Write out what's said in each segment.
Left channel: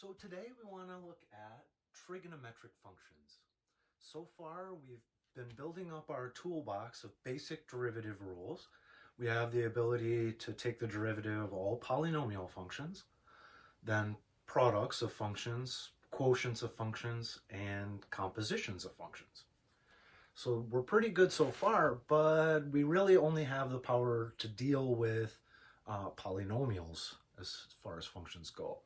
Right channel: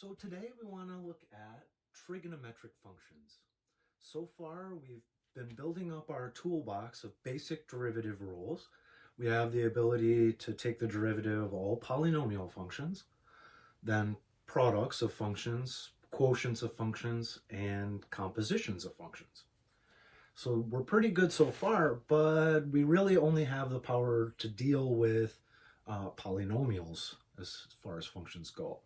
So today we want to look at trigonometric functions. So far we've been building up our toolbox of basic derivative rules. We have the ability to take the derivative of all polynomial functions, then products of functions, quotients of functions, and compositions of functions. So we're pretty good so far, but we really only have the power to deal with polynomials as far as functions go.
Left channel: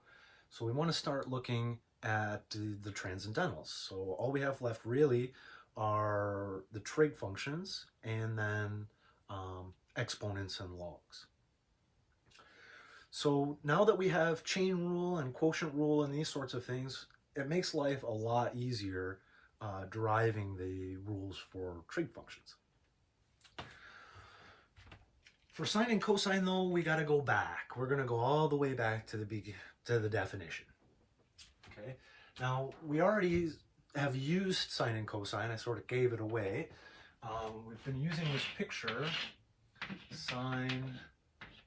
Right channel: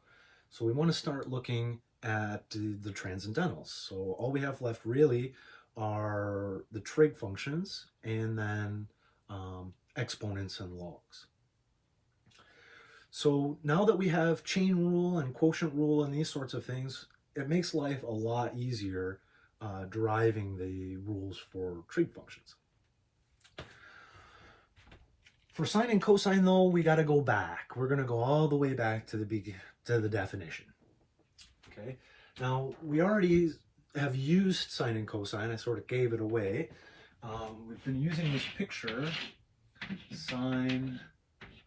So we want to start looking at the transcendentals. So all we have left really are the trig functions and then exponents and logs. So now that we have chain rule and quotient rule and these sorts of things, it makes life a lot easier deriving the rules for trig functions. For sine and cosine, though, we got to go back. We're going to go all the way back to the definition. Okay. Now, we already have used sine and cosine. I sort of gave it away. We've been using this picture, sine,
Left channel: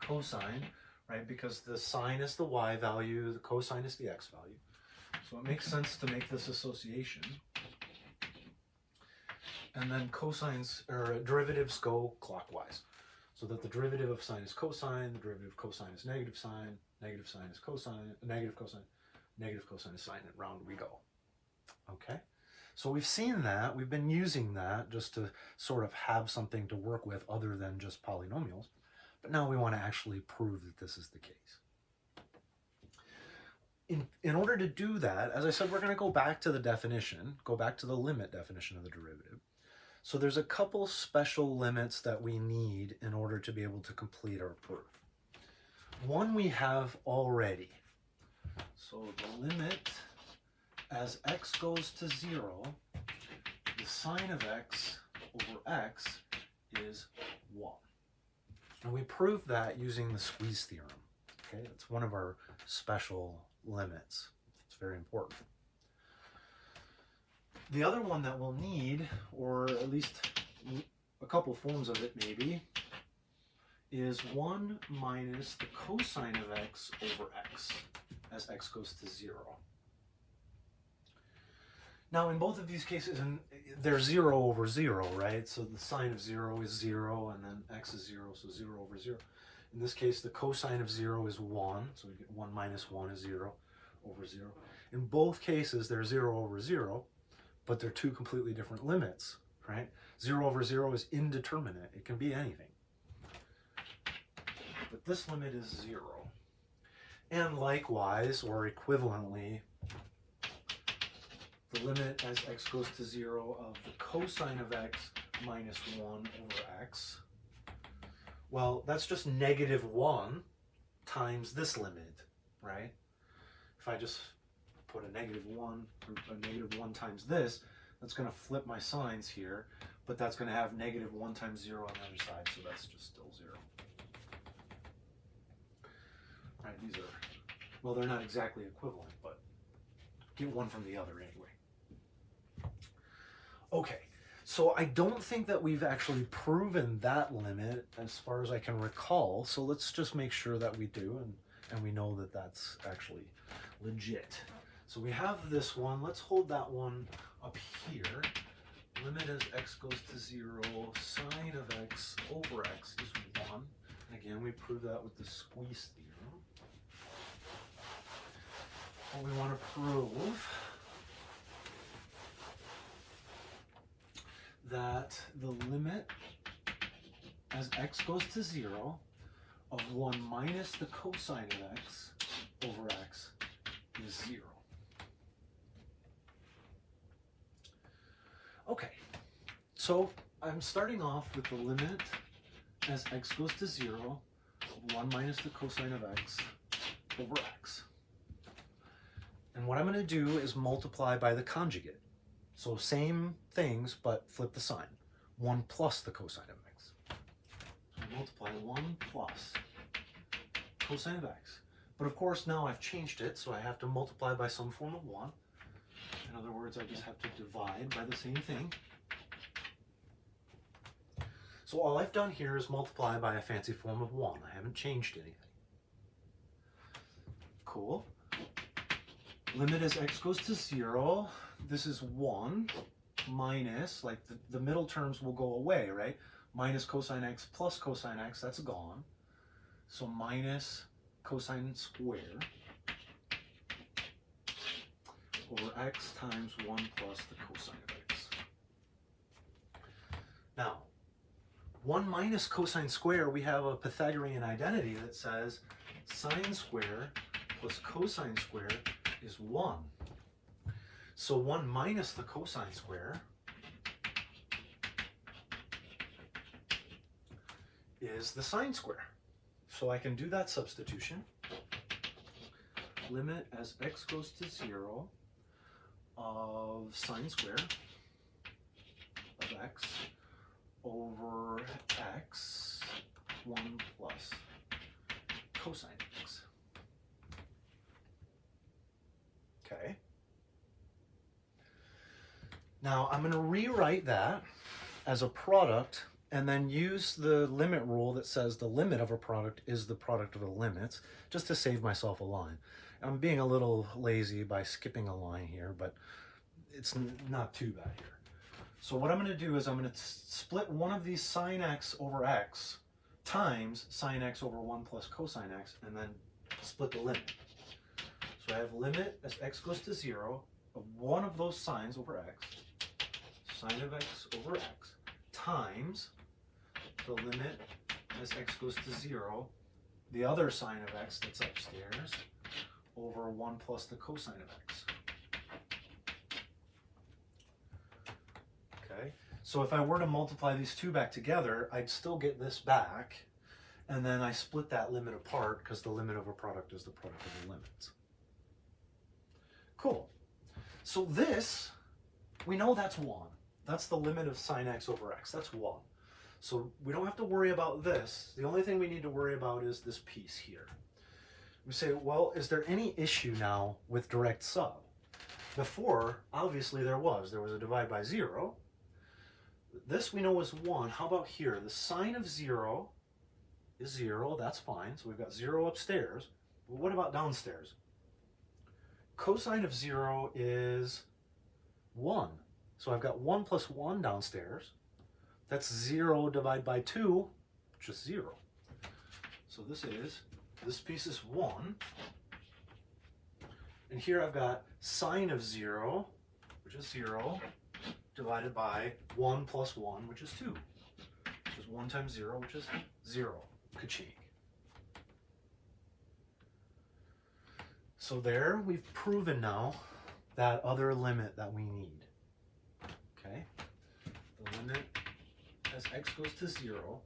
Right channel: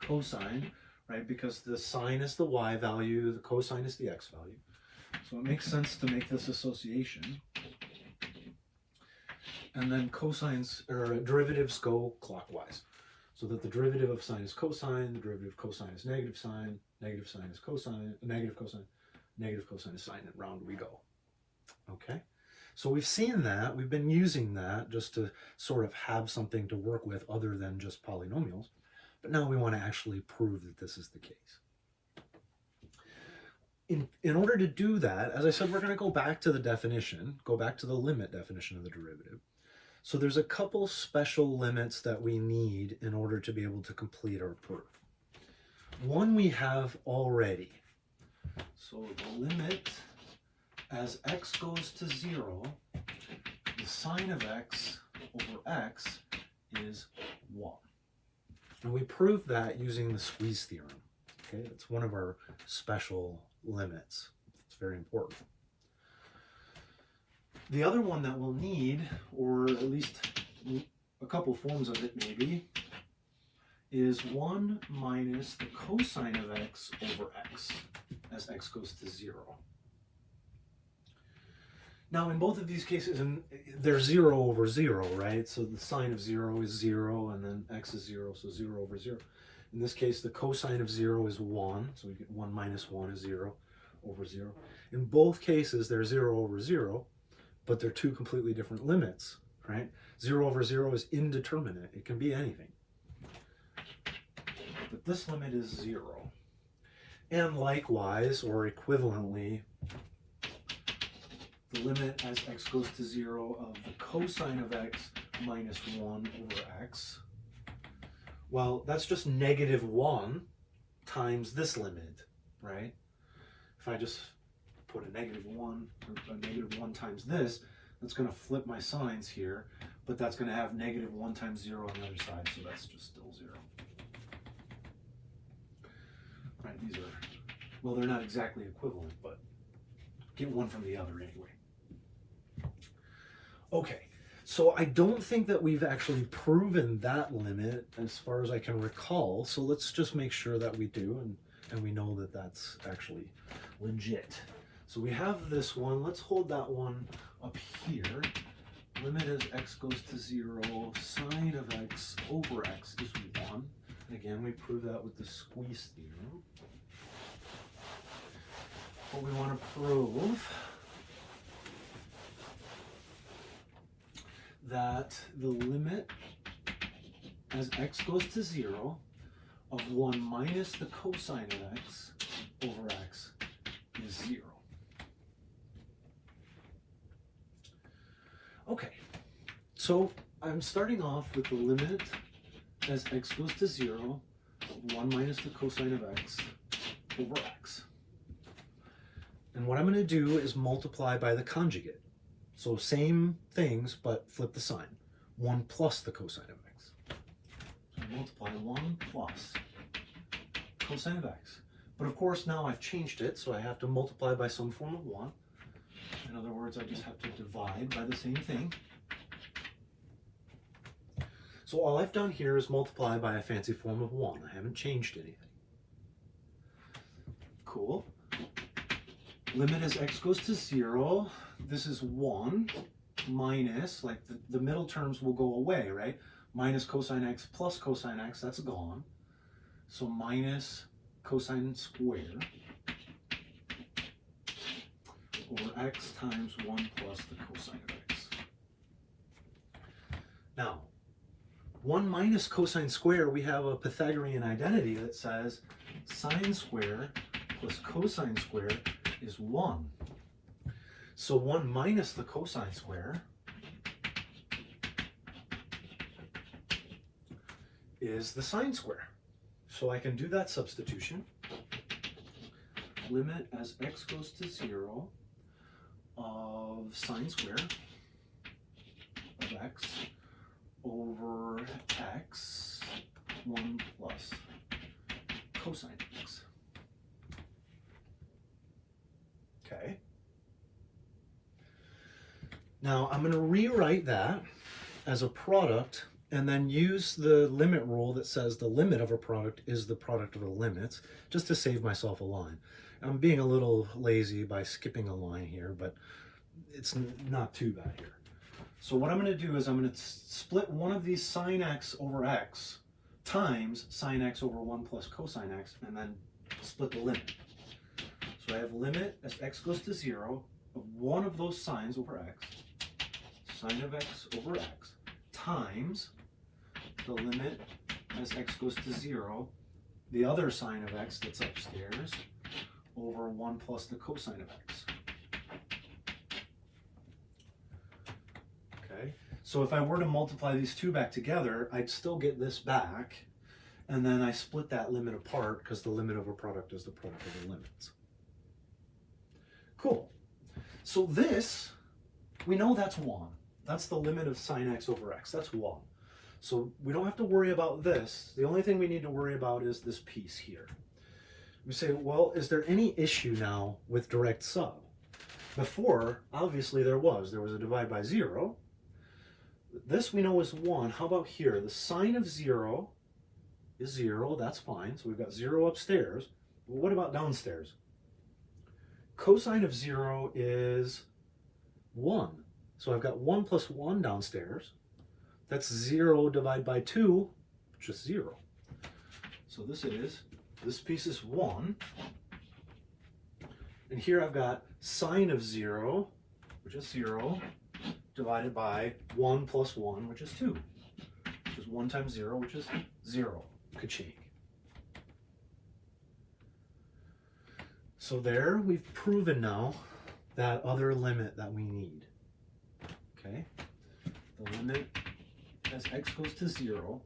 cosine, right? Because the sine is the y value, the cosine is the x value. So it makes sense to make this association. And then cosines, or derivatives go clockwise. So that the derivative of sine is cosine, the derivative of cosine is negative sine is cosine, negative cosine is sine, and round we go. Okay? So we've seen that, we've been using that just to sort of have something to work with other than just polynomials, but now we want to actually prove that this is the case. In order to do that, as I said, we're going to go back to the definition, go back to the limit definition of the derivative. So there's a couple special limits that we need in order to be able to complete our proof. One we have already. So the limit as x goes to 0, the sine of x over x is 1. And we proved that using the squeeze theorem. Okay, it's one of our special limits. It's very important. The other one that we'll need, or at least a couple forms of it maybe, is 1 minus the cosine of x over x as x goes to 0. Now in both of these cases, they're 0 over 0, right? So the sine of 0 is 0 and then x is 0, so 0 over 0. In this case, the cosine of 0 is 1, so we get 1 minus 1 is 0 over 0. In both cases, they're 0 over 0, but they're two completely different limits, right? 0 over 0 is indeterminate. It can be anything. But this limit is 0. And likewise, or equivalently, the limit as x goes to 0 of the cosine of x minus 1 over x, well, that's just negative 1 times this limit, right? If I just put a negative 1, or a negative 1 times this, that's going to flip my signs here, but that's going to have negative 1 times 0 on the other side, so that's just still 0. Right, these are, well, they're not exactly equivalent, but get one from the other anyway. Okay, so I don't think that we've actually proven that limit as far as I can recall, so let's just make sure that we do, and we know that that's actually legit. So we have this one. Let's hold that one up here. Limit as x goes to 0, sine of x over x is 1. And again, we prove that with the squeeze theorem. What we want to prove that the limit as x goes to 0 of 1 minus the cosine of x over x is 0. Okay, so I'm starting off with the limit as x goes to 0 of 1 minus the cosine of x over x. And what I'm going to do is multiply by the conjugate. So same things, but flip the sign. 1 plus the cosine of x. So I multiply 1 plus cosine of x. But of course now I've changed it, so I have to multiply by some form of 1. In other words, I just have to divide by the same thing. So all I've done here is multiply by a fancy form of 1. I haven't changed anything. Cool. Limit as x goes to 0. This is 1 minus, like the middle terms will go away, right? Minus cosine x plus cosine x, that's gone. So minus cosine squared over x times 1 plus the cosine of x. Now, 1 minus cosine square, we have a Pythagorean identity that says sine square plus cosine square is 1. So 1 minus the cosine square is the sine square. So I can do that substitution. Limit as x goes to 0 of sine square of x over x 1 plus cosine x. Okay. Now I'm going to rewrite that as a product and then use the limit rule that says the limit of a product is the product of the limits, just to save myself a line. I'm being a little lazy by skipping a line here, but it's not too bad here. So what I'm going to do is I'm going to split one of these sine x over x times sine x over 1 plus cosine x, and then split the limit. So I have limit as x goes to 0 of one of those sines over x, sine of x over x, times the limit as x goes to 0, the other sine of x that's upstairs, over 1 plus the cosine of x. Okay, so if I were to multiply these two back together, I'd still get this back, and then I split that limit apart because the limit of a product is the product of the limits. Cool. So this, we know that's 1. That's the limit of sine x over x. That's 1. So we don't have to worry about this. The only thing we need to worry about is this piece here. We say, well, is there any issue now with direct sub? Before, obviously there was. There was a divide by 0. This we know is 1. How about here? The sine of 0 is 0. That's fine. So we've got 0 upstairs. But what about downstairs? Cosine of 0 is 1. So I've got 1 plus 1 downstairs. That's 0 divided by 2, just 0. So this piece is 1. And here I've got sine of 0, which is 0, divided by 1 plus 1, which is 2. Which is 1 times 0, which is 0. Ka-ching. So there, we've proven now that other limit that we need. Okay? The limit as x goes to 0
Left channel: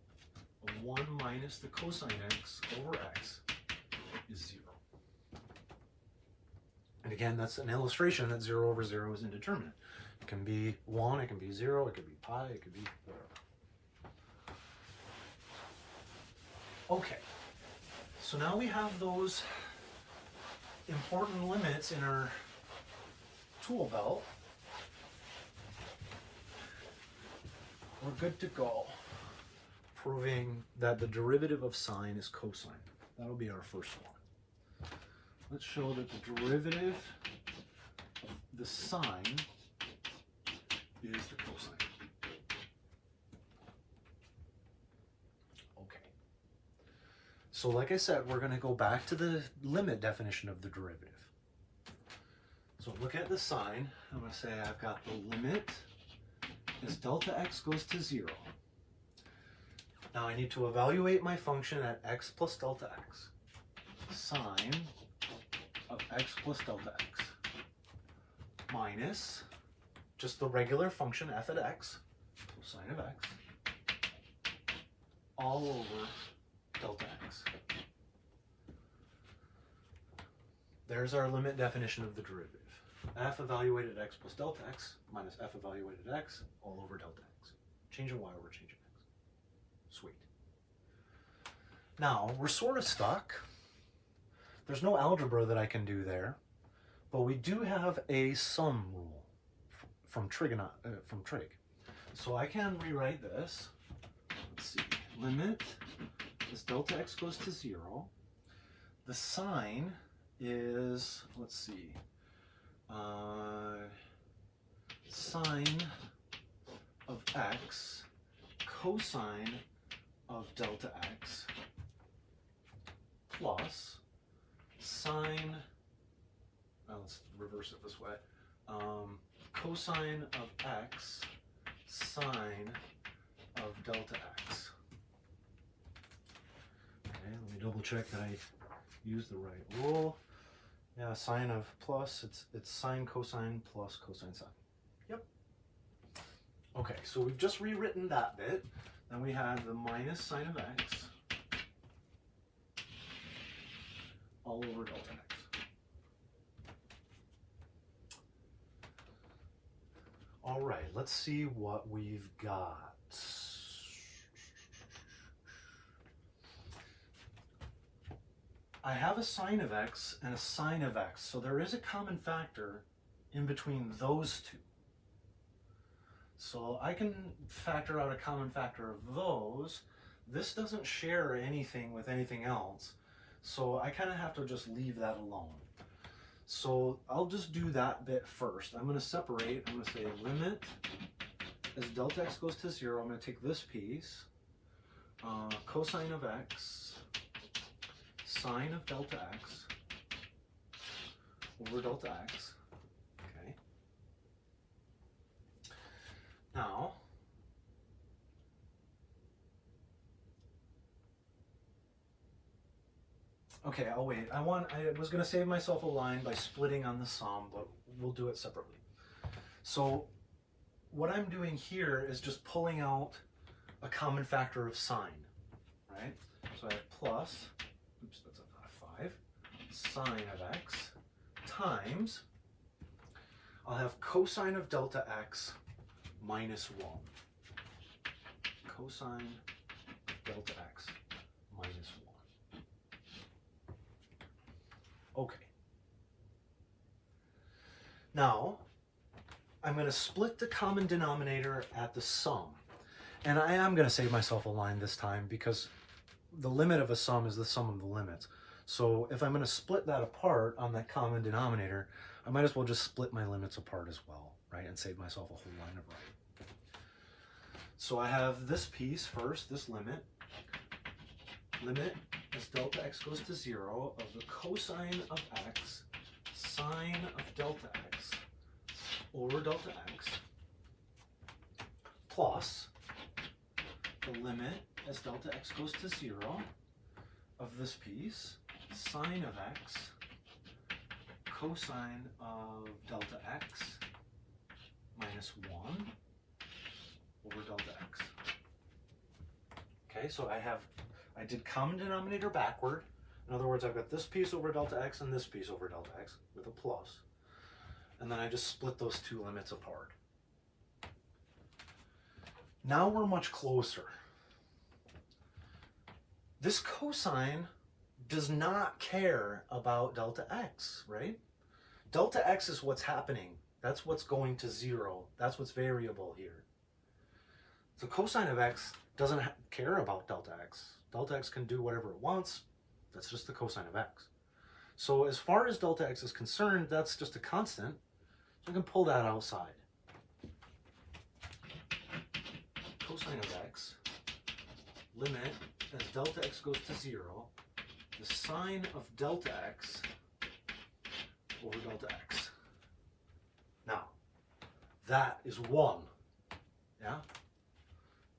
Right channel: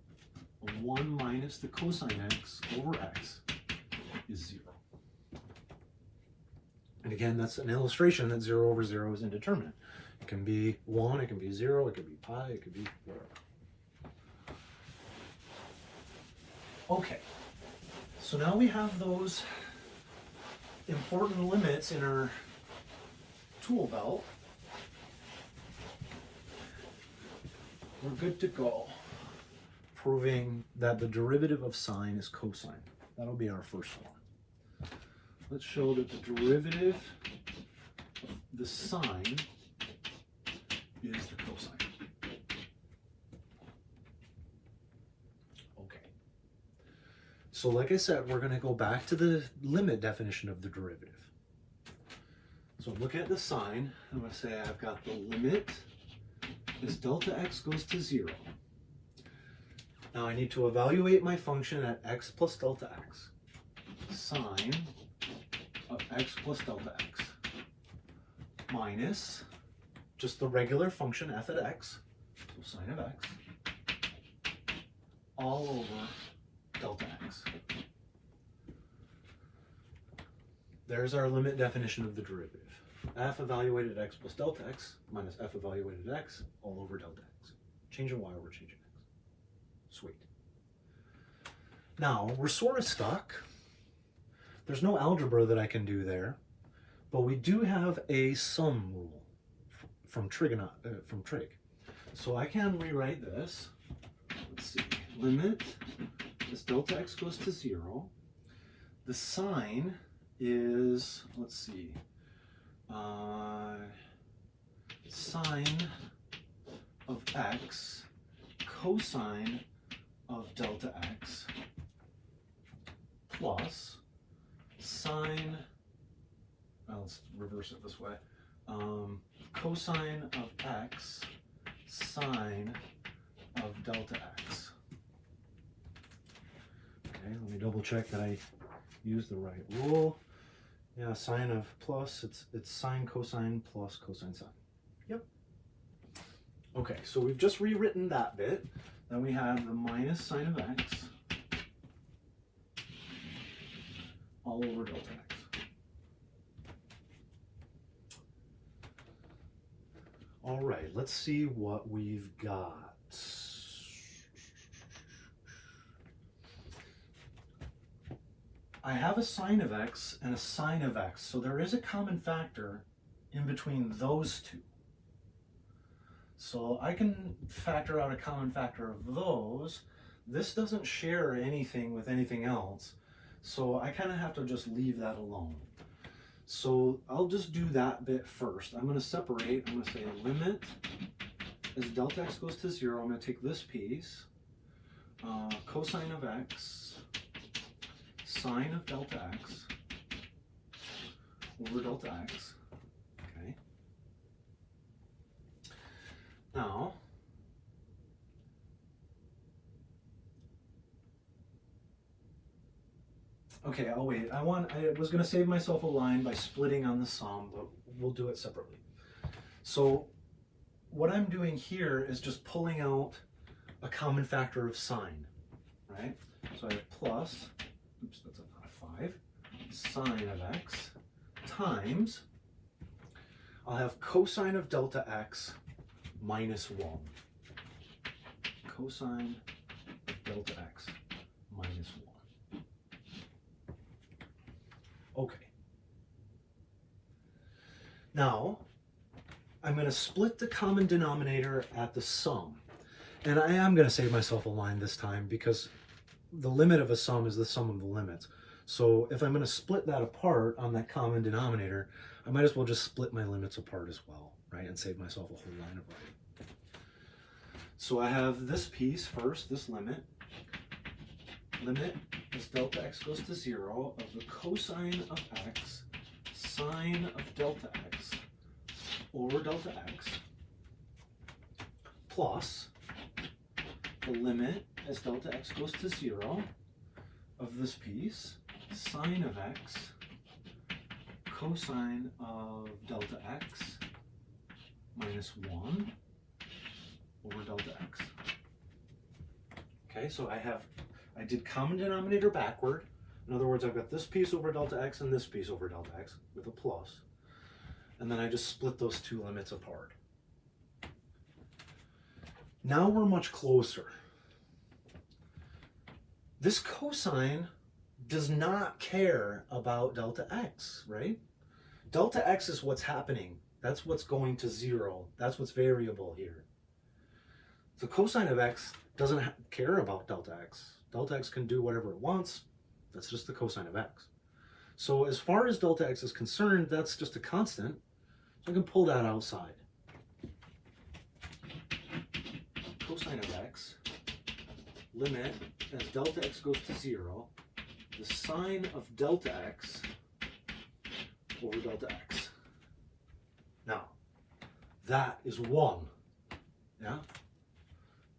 of 1 minus the cosine x over x is 0. And again, that's an illustration that 0 over 0 is indeterminate. It can be 1, it can be 0, it could be pi, it could be whatever. Okay, so now we have those important limits in our tool belt. We're good to go, proving that the derivative of sine is cosine. That'll be our first one. Let's show that the derivative of the sine is the cosine. Okay. So like I said, we're going to go back to the limit definition of the derivative. So look at the sine. I'm going to say I've got the limit as delta x goes to 0. Now I need to evaluate my function at x plus delta x. Sine of x plus delta x minus just the regular function f at x, so sine of x, all over delta x. There's our limit definition of the derivative. F evaluated at x plus delta x minus f evaluated at x all over delta x. Changing y over changing x. Sweet. Now, we're sort of stuck. There's no algebra that I can do there, but we do have a sum rule from trig. So I can rewrite this. Let's see. Limit as delta x goes to 0. The sine is, let's see, sine of x cosine of delta x plus sine, let's reverse it this way, cosine of x sine of delta x. Okay, let me double check that I use the right rule. Yeah, sine of plus, it's sine cosine plus cosine sine. Yep. Okay, so we've just rewritten that bit. Then we have the minus sine of x all over delta x. All right, let's see what we've got. I have a sine of x and a sine of x, so there is a common factor in between those two. So I can factor out a common factor of those. This doesn't share anything with anything else, so I kind of have to just leave that alone. So I'll just do that bit first. I'm going to separate. I'm going to say limit as delta x goes to 0. I'm going to take this piece, cosine of x, sine of delta x over delta x. Okay. Now, okay, I'll wait. I was going to save myself a line by splitting on the sum, but we'll do it separately. So what I'm doing here is just pulling out a common factor of sine, right? So I have plus, oops, that's a 5, sine of x times, I'll have cosine of delta x minus 1. Cosine of delta x minus 1. Okay. Now, I'm going to split the common denominator at the sum. And I am going to save myself a line this time because the limit of a sum is the sum of the limits. So if I'm going to split that apart on that common denominator, I might as well just split my limits apart as well, right? And save myself a whole line of writing. So I have this piece first, this limit. Limit as delta x goes to 0 of the cosine of x sine of delta x over delta x plus the limit as delta x goes to 0 of this piece, sine of x cosine of delta x minus 1 over delta x. Okay, so I did common denominator backward. In other words, I've got this piece over delta x and this piece over delta x with a plus. And then I just split those two limits apart. Now we're much closer. This cosine does not care about delta x, right? Delta x is what's happening. That's what's going to 0. That's what's variable here. The cosine of x doesn't care about delta x. Delta x can do whatever it wants. That's just the cosine of x. So as far as delta x is concerned, that's just a constant. So I can pull that outside. Cosine of x, limit as delta x goes to 0, the sine of delta x over delta x. Now, that is 1. Yeah?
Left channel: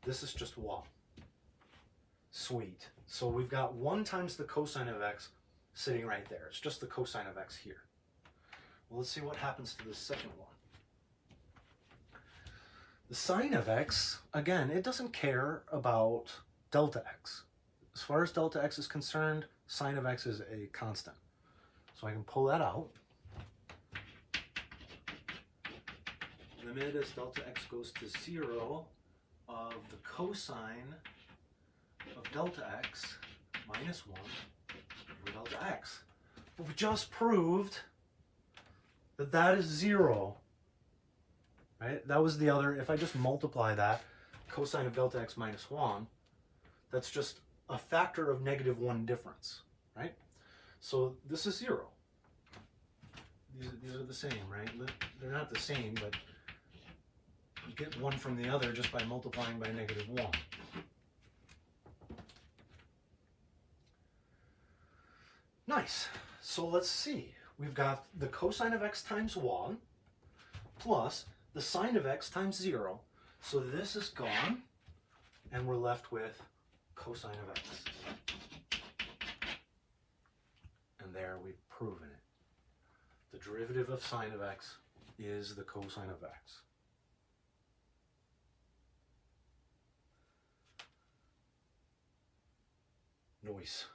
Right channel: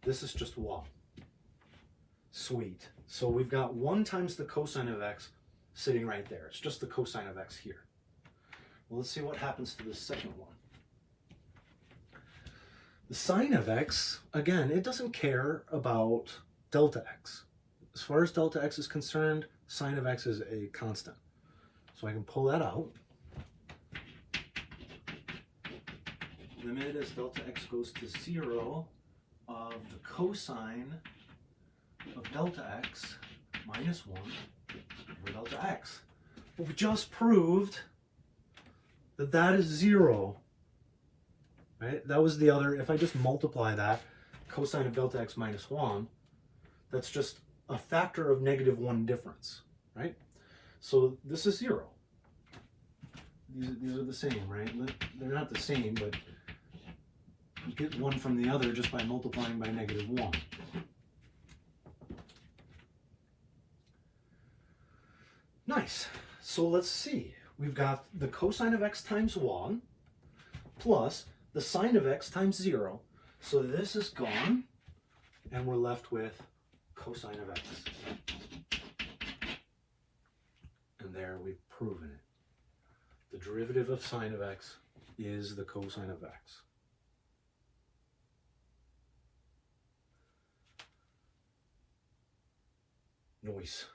This is just 1. Sweet. So we've got 1 times the cosine of x sitting right there. It's just the cosine of x here. Well, let's see what happens to the second one. The sine of x, again, it doesn't care about delta x. As far as delta x is concerned, sine of x is a constant. So I can pull that out. Limit as delta x goes to 0 of the cosine of delta x minus 1 over delta x. But we just proved that that is 0. Right? That was the other, if I just multiply that, cosine of delta x minus 1, that's just a factor of -1 difference, right? So this is 0. these are the same, right? They're not the same, but you get one from the other just by multiplying by -1. Nice. So let's see. We've got the cosine of x times 1 plus the sine of x times 0. So this is gone, and we're left with cosine of x. And there we've proven it. The derivative of sine of x is the cosine of x. Nice.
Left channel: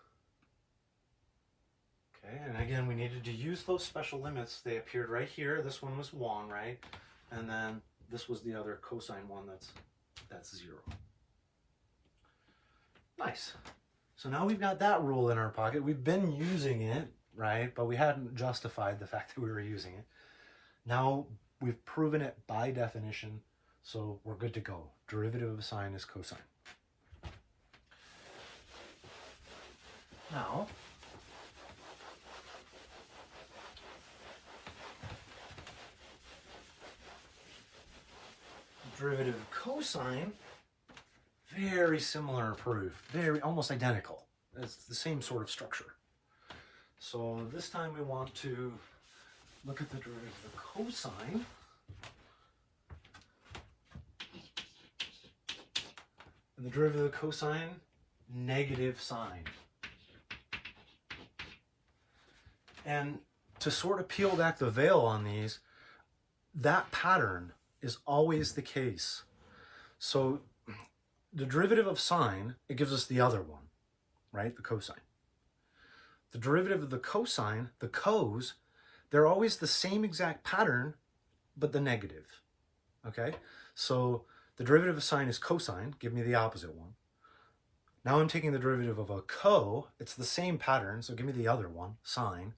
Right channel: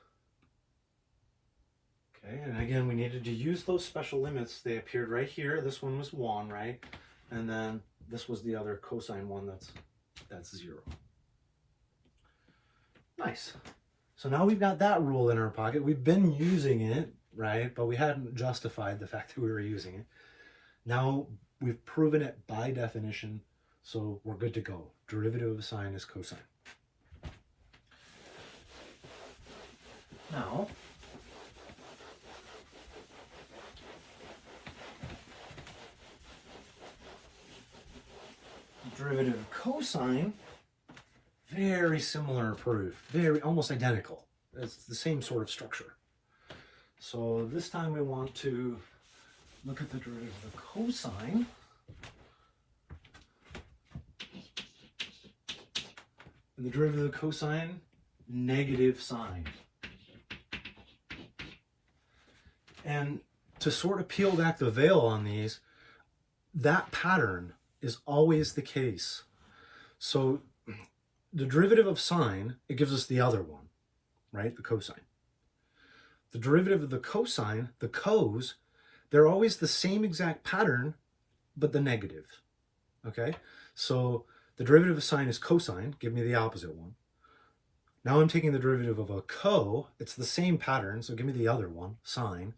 Okay, and again, we needed to use those special limits. They appeared right here. This one was 1, right? And then this was the other cosine one that's 0. Nice. So now we've got that rule in our pocket. We've been using it, right? But we hadn't justified the fact that we were using it. Now we've proven it by definition, so we're good to go. Derivative of sine is cosine. Now, derivative of cosine, very similar proof, very almost identical. It's the same sort of structure. So this time we want to look at the derivative of the cosine. And the derivative of the cosine, negative sine. And to sort of peel back the veil on these, that pattern is always the case. So the derivative of sine, it gives us the other one, right? The cosine. The derivative of the cosine, the cos, they're always the same exact pattern, but the negative, okay? So the derivative of sine is cosine, give me the opposite one. Now I'm taking the derivative of a it's the same pattern, so give me the other one, sine,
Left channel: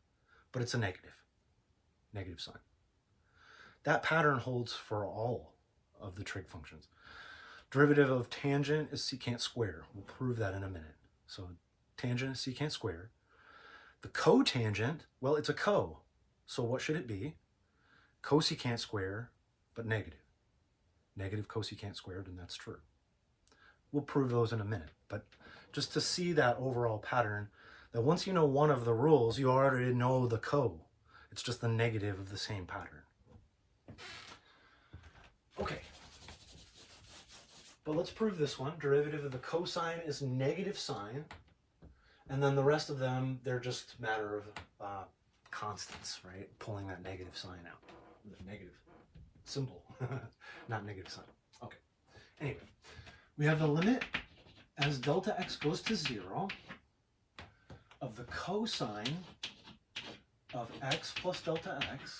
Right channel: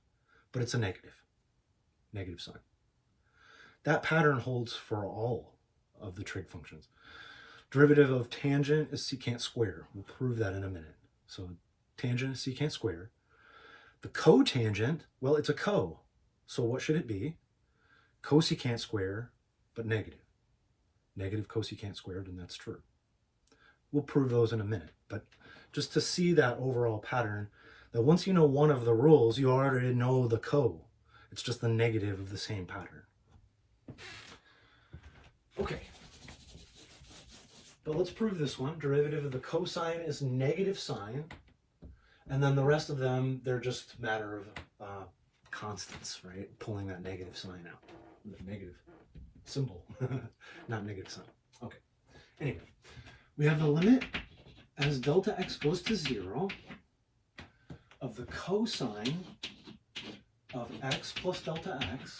but it's a negative sign. That pattern holds for all of the trig functions. Derivative of tangent is secant square. We'll prove that in a minute. So tangent is secant square. The cotangent, well, it's a co. So what should it be? Cosecant square, but negative. Negative cosecant squared, and that's true. We'll prove those in a minute. But just to see that overall pattern, that once you know one of the rules, you already know the co. It's just the negative of the same pattern. Okay. But let's prove this one. Derivative of the cosine is negative sine. And then the rest of them, they're just a matter of constants, right? Pulling that negative sign out. The negative symbol, not negative sign. Okay. Anyway, we have the limit as delta x goes to 0 of the cosine of x plus delta x.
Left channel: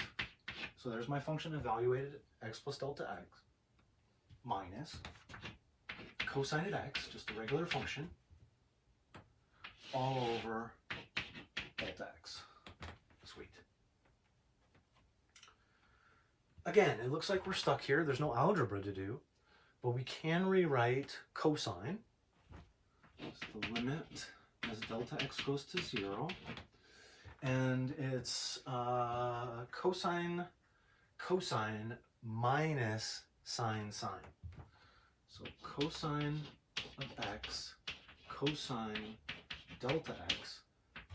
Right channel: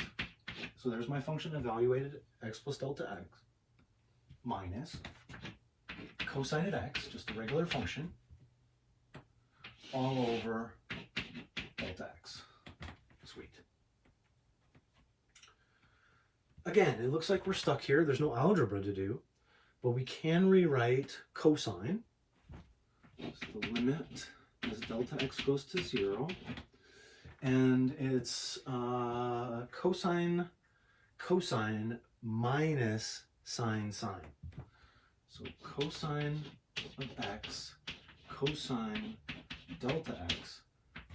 So there's my function evaluated, x plus delta x, minus cosine at x, just a regular function, all over delta x. Sweet. Again, it looks like we're stuck here. There's no algebra to do, but we can rewrite cosine. So the limit as delta x goes to 0, and it's cosine minus sine. So cosine of x, cosine delta x,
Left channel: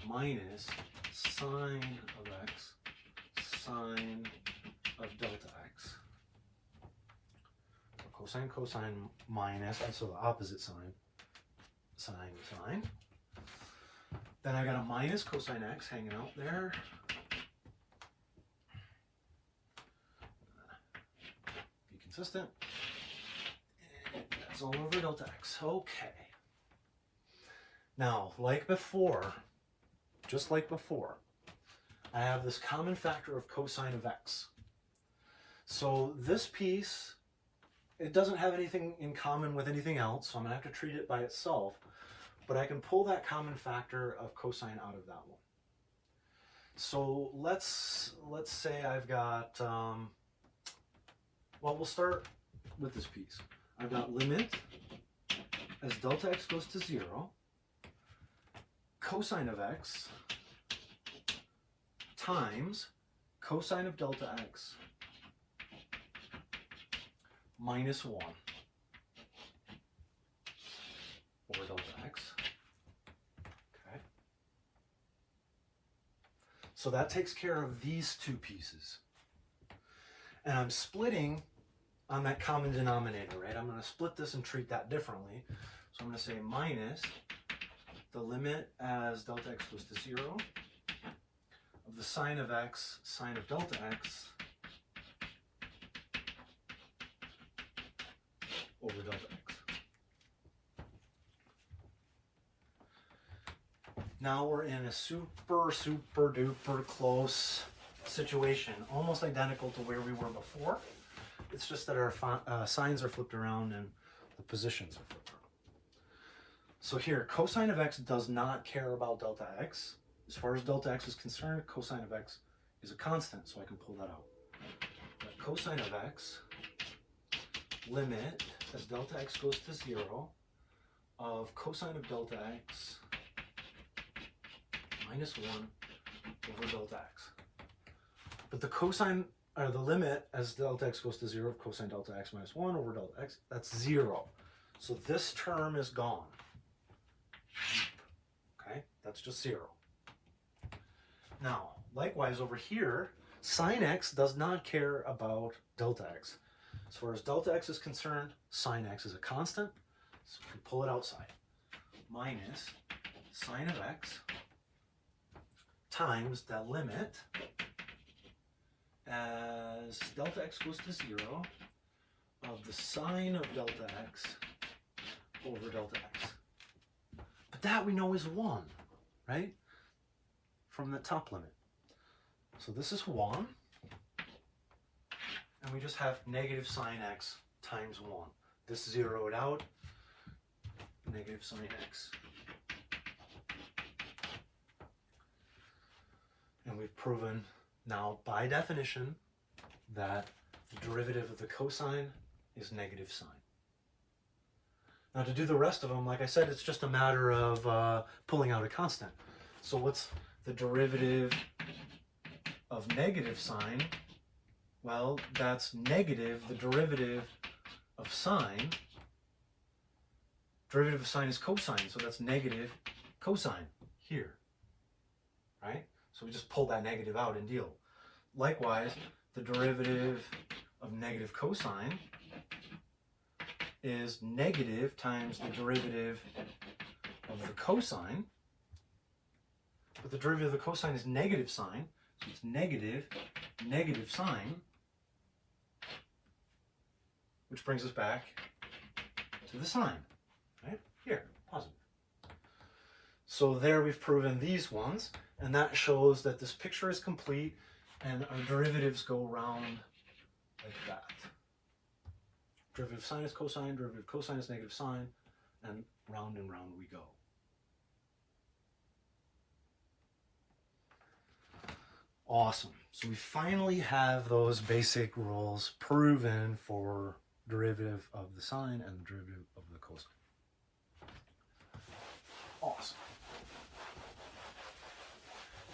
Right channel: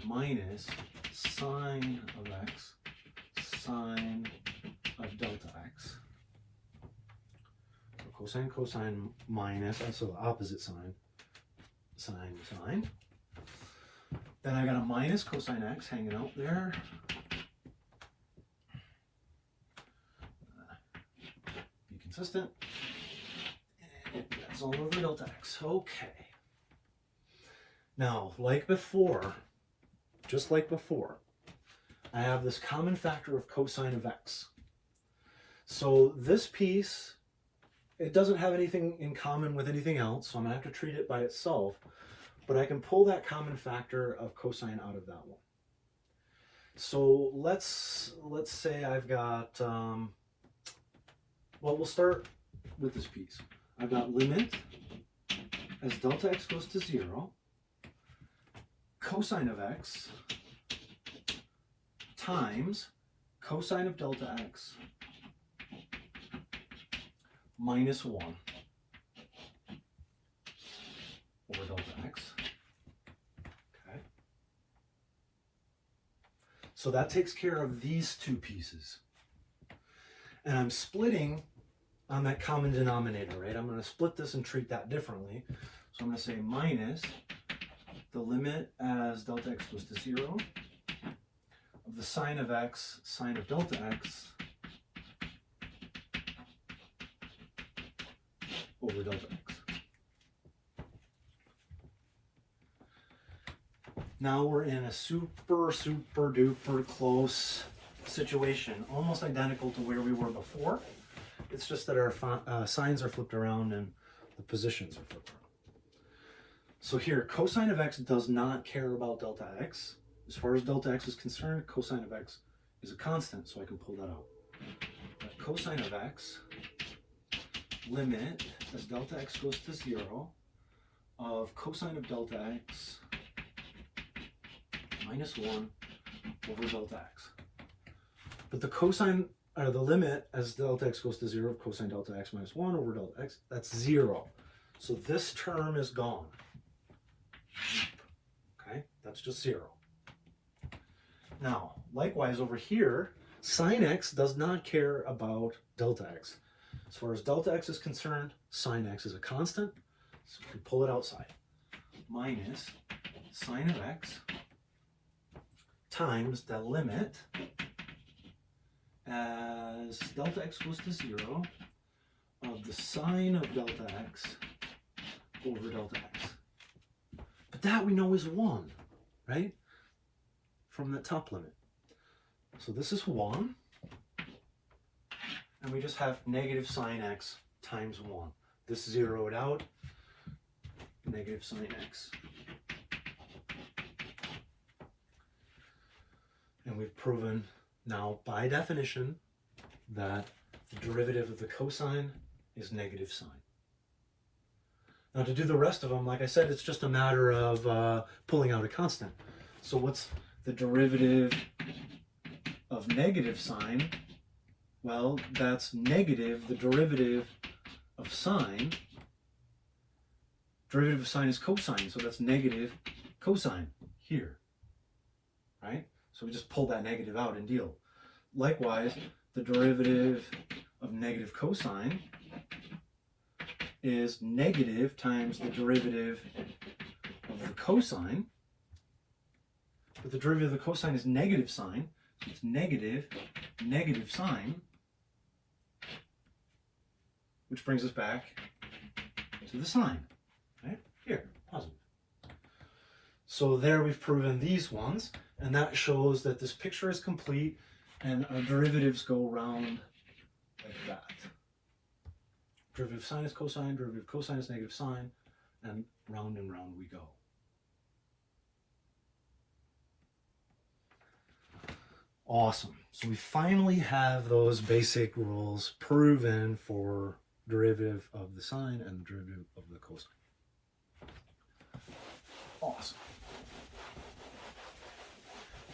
minus sine of x, sine of delta x. So cosine minus, so the opposite sign, sine. Then I got a minus cosine x hanging out there. Be consistent. That's all over delta x. Okay. Now, like before, just like before, I have this common factor of cosine of x. So this piece, it doesn't have anything in common with anything else, so I'm going to have to treat it by itself. But I can pull that common factor of cosine out of that one. So let's say I've got, well, we'll start with this piece. I've got limit as delta x goes to 0, cosine of x times cosine of delta x minus 1 over delta x. Okay. So that takes care of these two pieces. And I'm splitting on that common denominator, right? I'm going to split this and treat that differently. So I'm going to say minus the limit as delta x goes to 0 of the sine of x, sine of delta x over delta x. Now we're in a super duper close situation, almost identical to where we were before. It's just that our signs are flipped around and the positions are flipped around. So here, cosine of x does not care about delta x. As far as delta x is concerned, cosine of x is a constant, so I can pull that out. But cosine of x, limit as delta x goes to 0 of cosine of delta x minus 1 over delta x. But the cosine, or the limit as delta x goes to 0 of cosine delta x minus 1 over delta x, that's 0. So this term is gone. Okay, that's just 0. Now, likewise over here, sine x does not care about delta x. As far as delta x is concerned, sine x is a constant, so we can pull it outside. Minus sine of x times the limit as delta x goes to 0 of the sine of delta x over delta x. But that we know is 1, right? From the top limit. So this is 1. And we just have negative sine x times 1. This zeroed out, negative sine x. And we've proven now by definition that the derivative of the cosine is negative sine. Now to do the rest of them, like I said, it's just a matter of pulling out a constant. So what's the derivative of negative sine? Well, that's negative the derivative of sine. Derivative of sine is cosine, so that's negative cosine here, right? So we just pull that negative out and deal. Likewise, the derivative of negative cosine is negative times the derivative of the cosine. But the derivative of the cosine is negative sine, so it's negative sine, which brings us back to the sine, right? Here, positive. So there we've proven these ones, and that shows that this picture is complete and our derivatives go around like that. Derivative of sine is cosine, derivative of cosine is negative sine, and round we go. Awesome. So we finally have those basic rules proven for derivative of the sine and the derivative of the cosine. Awesome.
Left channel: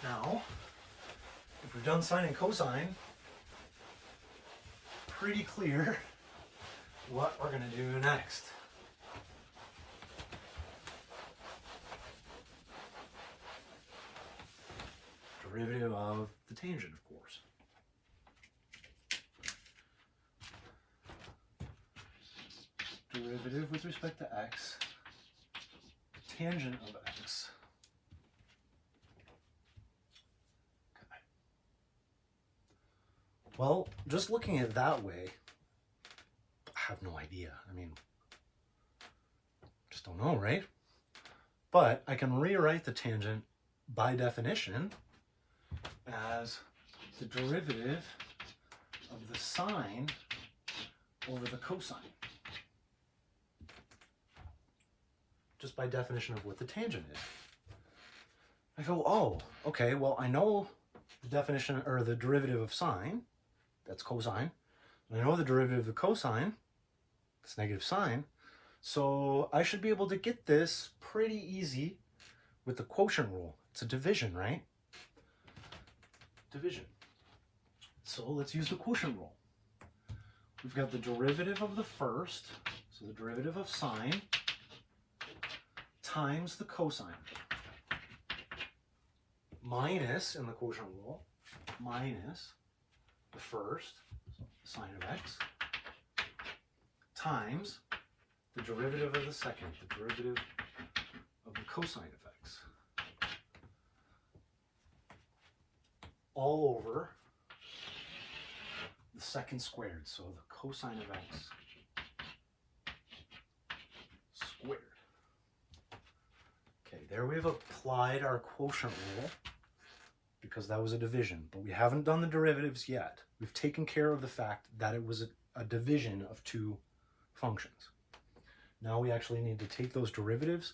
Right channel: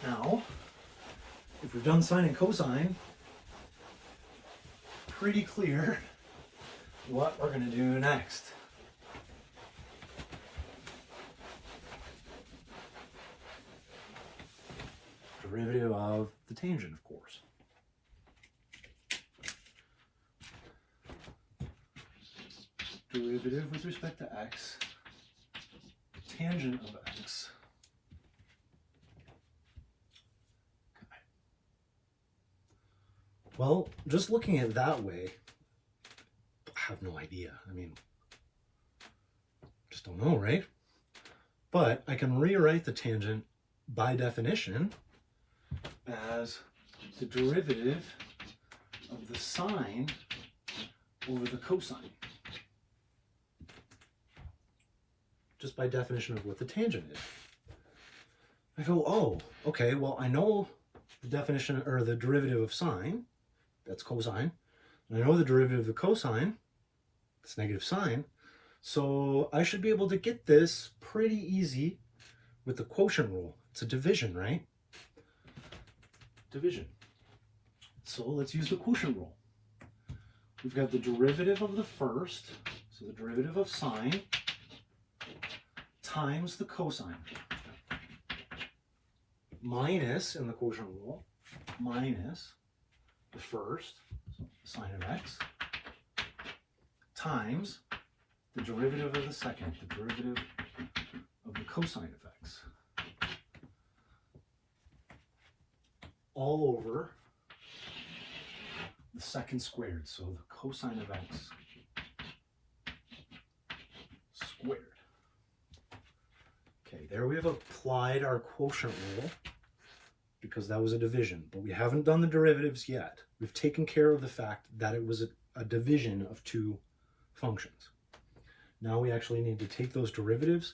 Now, if we've done sine and cosine, pretty clear what we're going to do next. Derivative of the tangent, of course. Derivative with respect to x, tangent of x. Okay. Well, just looking at it that way, I have no idea. I mean, just don't know, right? But I can rewrite the tangent by definition as the derivative of the sine over the cosine. Just by definition of what the tangent is. I go, oh, okay, well, I know the definition, or the derivative of sine, that's cosine, and I know the derivative of the cosine, it's negative sine, so I should be able to get this pretty easy with the quotient rule. It's a division, right? Division. So let's use the quotient rule. We've got the derivative of the first, so the derivative of sine, times the cosine, minus, in the quotient rule, minus the first, so sine of x, times the derivative of the second, the derivative of the cosine of x, all over the second squared, so the cosine of x squared. Okay, there we've applied our quotient rule because that was a division, but we haven't done the derivatives yet. We've taken care of the fact that it was a division of two functions. Now we actually need to take those derivatives,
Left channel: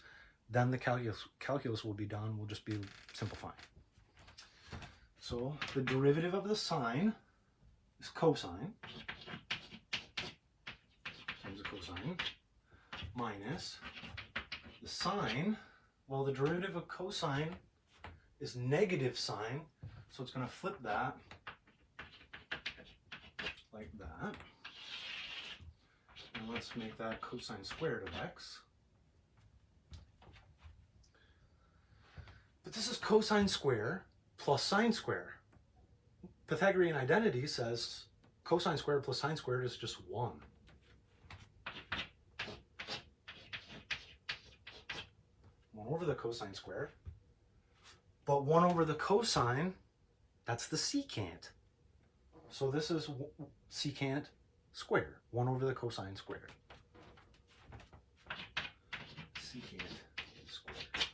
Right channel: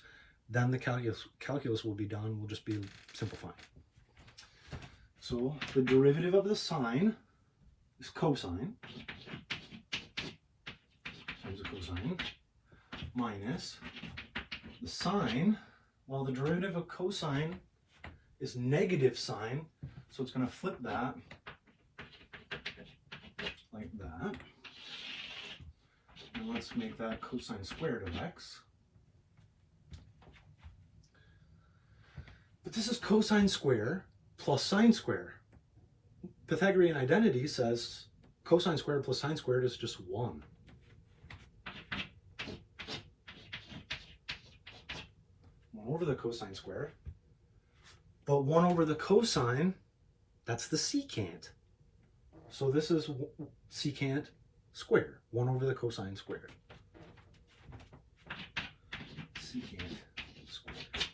then the calculus will be done. We'll just be simplifying. So the derivative of the sine is cosine times the cosine minus the sine. Well, the derivative of cosine is negative sine, so it's going to flip that like that. And let's make that cosine squared of x. But this is cosine square plus sine square. Pythagorean identity says cosine squared plus sine squared is just 1. Over the cosine square, but 1 over the cosine, that's the secant. So this is secant squared, 1 over the cosine squared. Secant squared.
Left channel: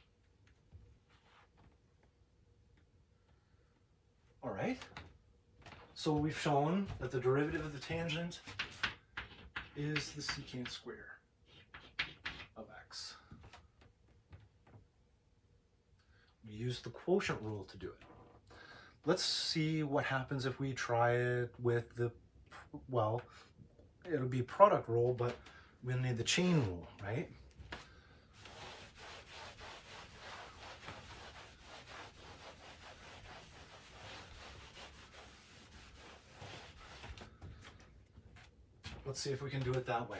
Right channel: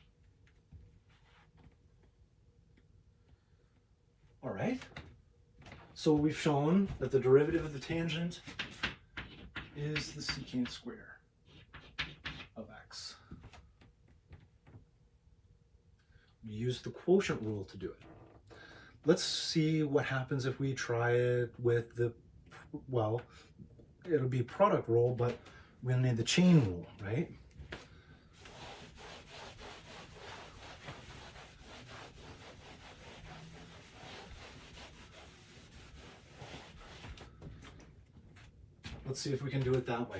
All right. So we've shown that the derivative of the tangent is the secant square of x. We use the quotient rule to do it. Let's see what happens if we try it with the, well, it'll be product rule, but we're going to need the chain rule, right? Let's see if we can do it that way.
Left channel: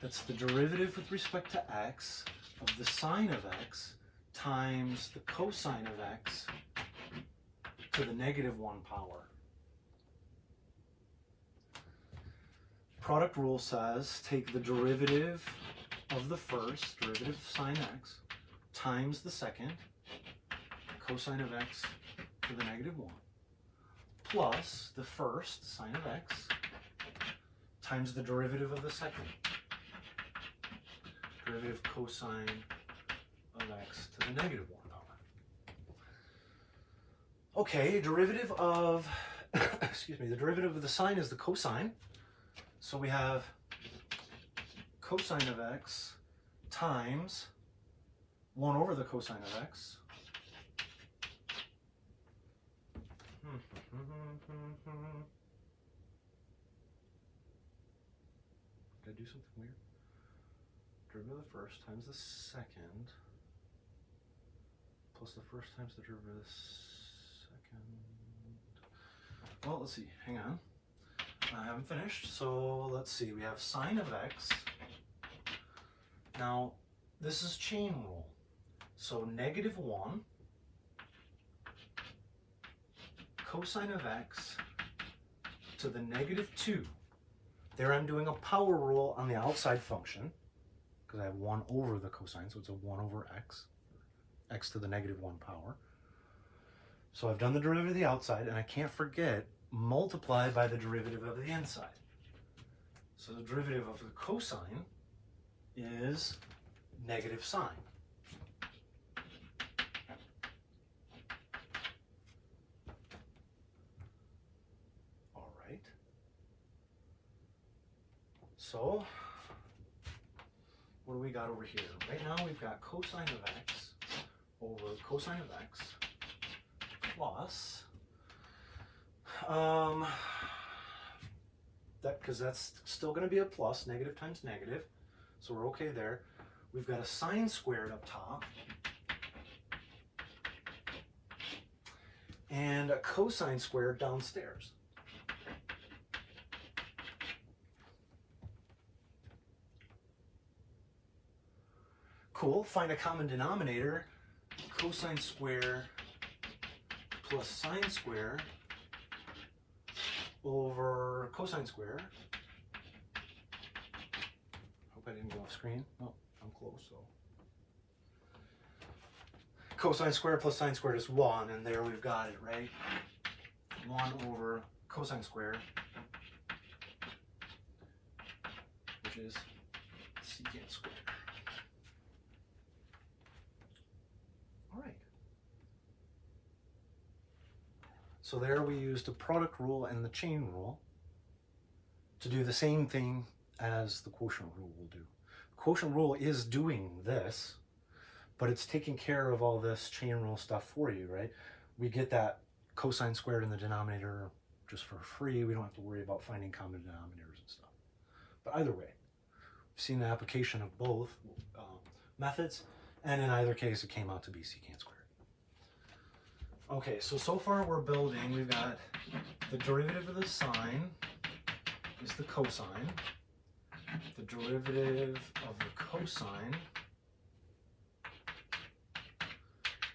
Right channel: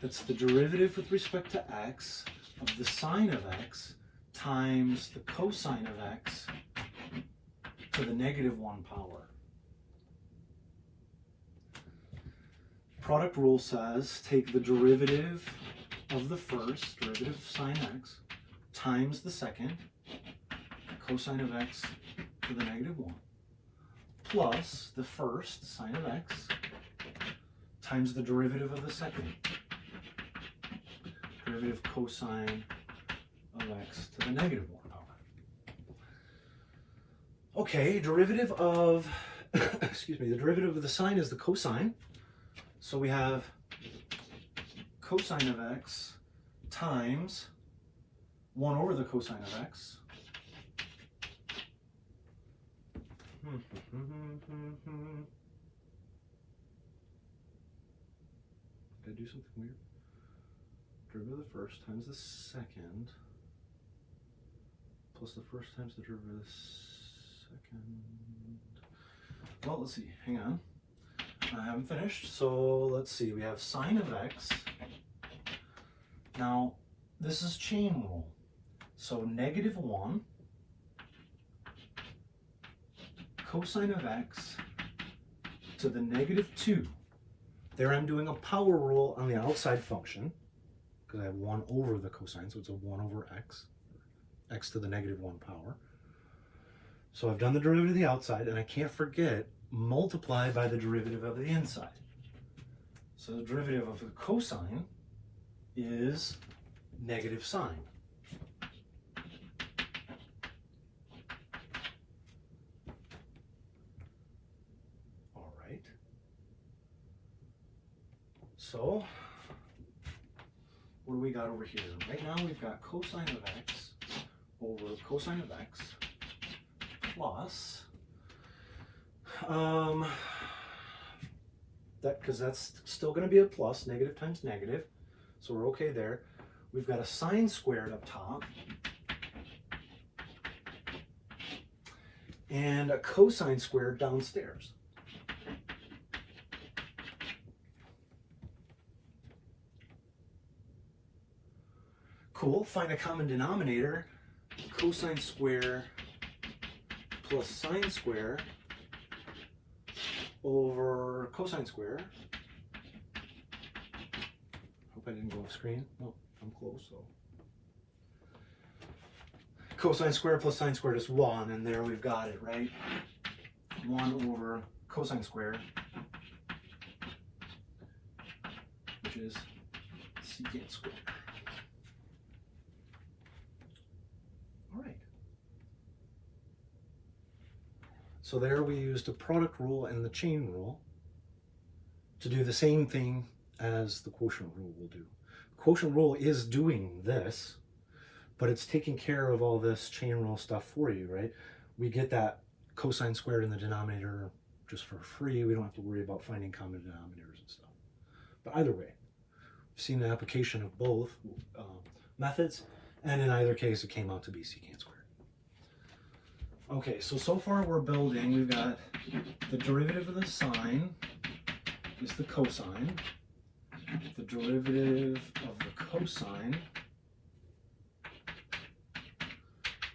That's the derivative with respect to x of the sine of x times the cosine of x to the negative 1 power. Product rule says take the derivative of the first, derivative of sine x, times the second, cosine of x to the negative 1, plus the first, sine of x, times the derivative of the second, derivative cosine of x to the negative 1 power. Okay, derivative of, excuse me, the derivative of the sine is the cosine. So we have cosine of x times 1 over the cosine of x. Did I do something weird? Derivative of the first times the second plus the first times the derivative of the second. Well, let's see. Hang on. I haven't finished. So let's see. We have sine of x. Now, this is chain rule. So negative 1 cosine of x to the negative 2. There I'm doing a power rule on the outside function because I have 1 over the cosine, so it's a 1 over x, x to the negative 1 power. So I've done the derivative of the outside, and I can't forget, multiply by the derivative of the inside. So the derivative of the cosine is negative sine. All right. So what do we got over here? Right now we've got cosine of x over cosine of x plus that, because that's still going to be a plus, negative times negative, so we're okay there. We've got a sine squared up top and a cosine squared downstairs. Cool, find a common denominator. Cosine square plus sine square over cosine square. Hope I didn't go off screen. Oh, I'm close, so. Cosine square plus sine squared is 1, and there we've got it, right? 1 over cosine square, which is secant squared. All right. So there we used the product rule and the chain rule to do the same thing as the quotient rule will do. The quotient rule is doing this, but it's taking care of all this chain rule stuff for you, right? We get that cosine squared in the denominator just for free. We don't have to worry about finding common denominators and stuff. But either way, I've seen the application of both methods, and in either case, it came out to be secant squared. Okay, so far we're building, we've got the derivative of the sine is the cosine. The derivative of the cosine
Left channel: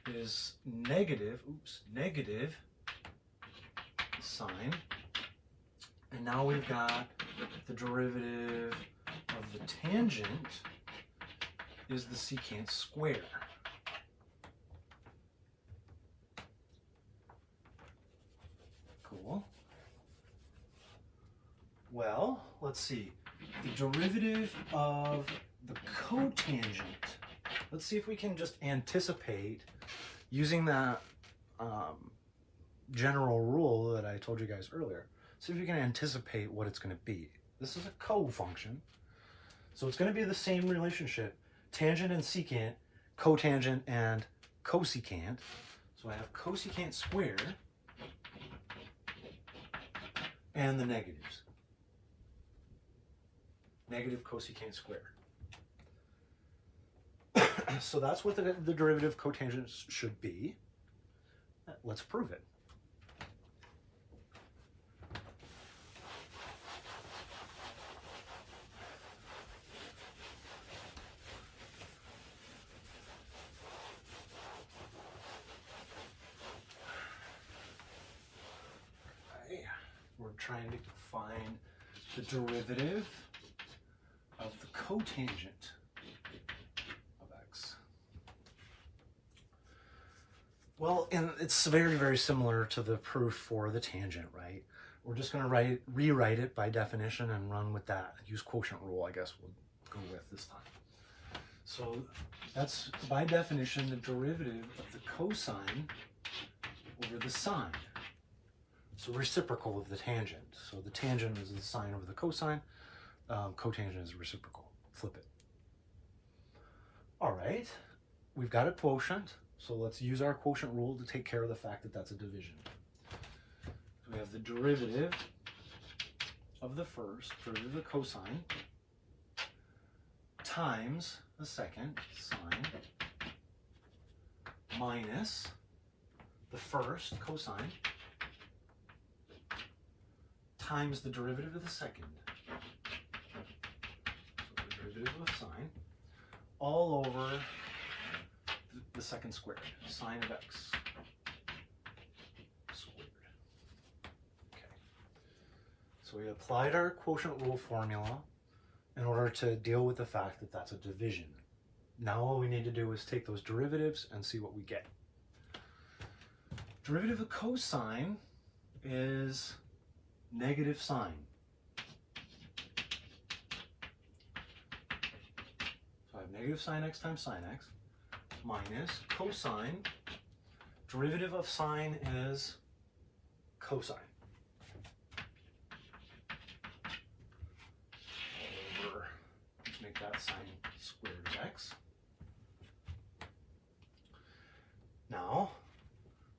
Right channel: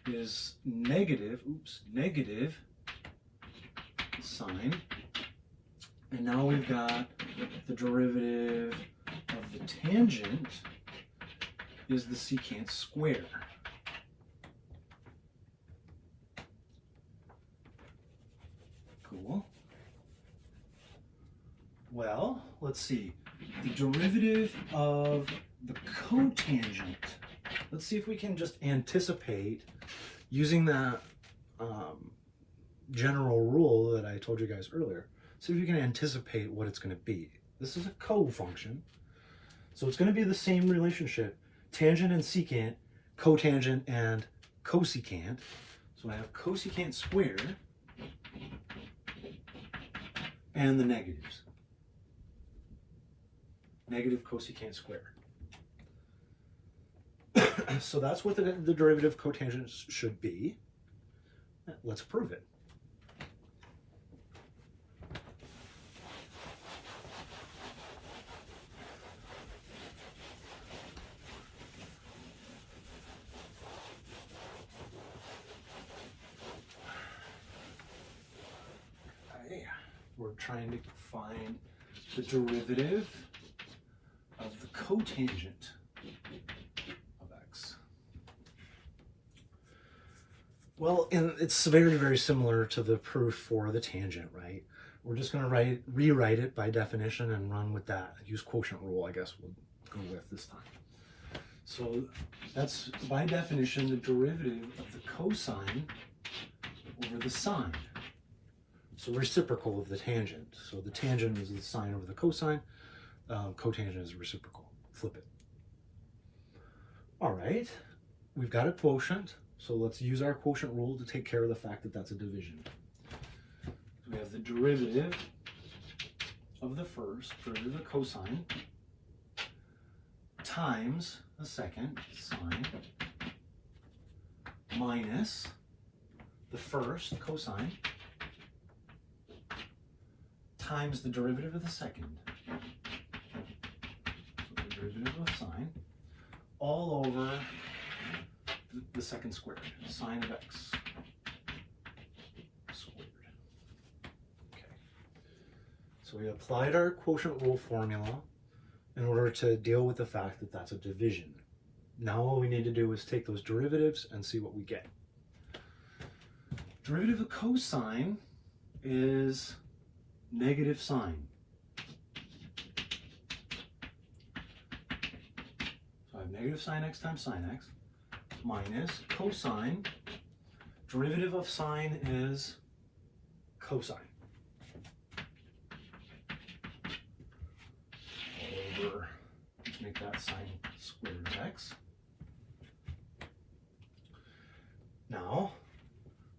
is negative sine. And now we've got the derivative of the tangent is the secant square. Cool. Well, let's see. The derivative of the cotangent. Let's see if we can just anticipate using that general rule that I told you guys earlier. See if we can anticipate what it's going to be. This is a co-function. So it's going to be the same relationship. Tangent and secant, cotangent and cosecant. So I have cosecant squared and the negatives. Negative cosecant squared. So that's what the derivative of cotangent should be. Let's prove it. Okay. We're trying to find the derivative of the cotangent of x. Well, and it's very, very similar to the proof for the tangent, right? We're just going to rewrite it by definition and run with that. Use quotient rule, I guess we'll go with this time. So that's, by definition, the derivative of the cosine over the sine. So reciprocal of the tangent. So the tangent is the sine over the cosine. Cotangent is reciprocal. Flip it. All right, we've got a quotient, so let's use our quotient rule to take care of the fact that that's a division. So we have the derivative of the first, derivative of the cosine, times the second, sine, minus the first, cosine, times the derivative of the second, derivative of sine, all over the second squared, sine of x squared. Okay. So we applied our quotient rule formula in order to deal with the fact that that's a division. Now all we need to do is take those derivatives and see what we get. Derivative of cosine is negative sine. Negative sine x times sine x minus cosine. Derivative of sine is cosine. Over, let's make that sine squared of x. Now,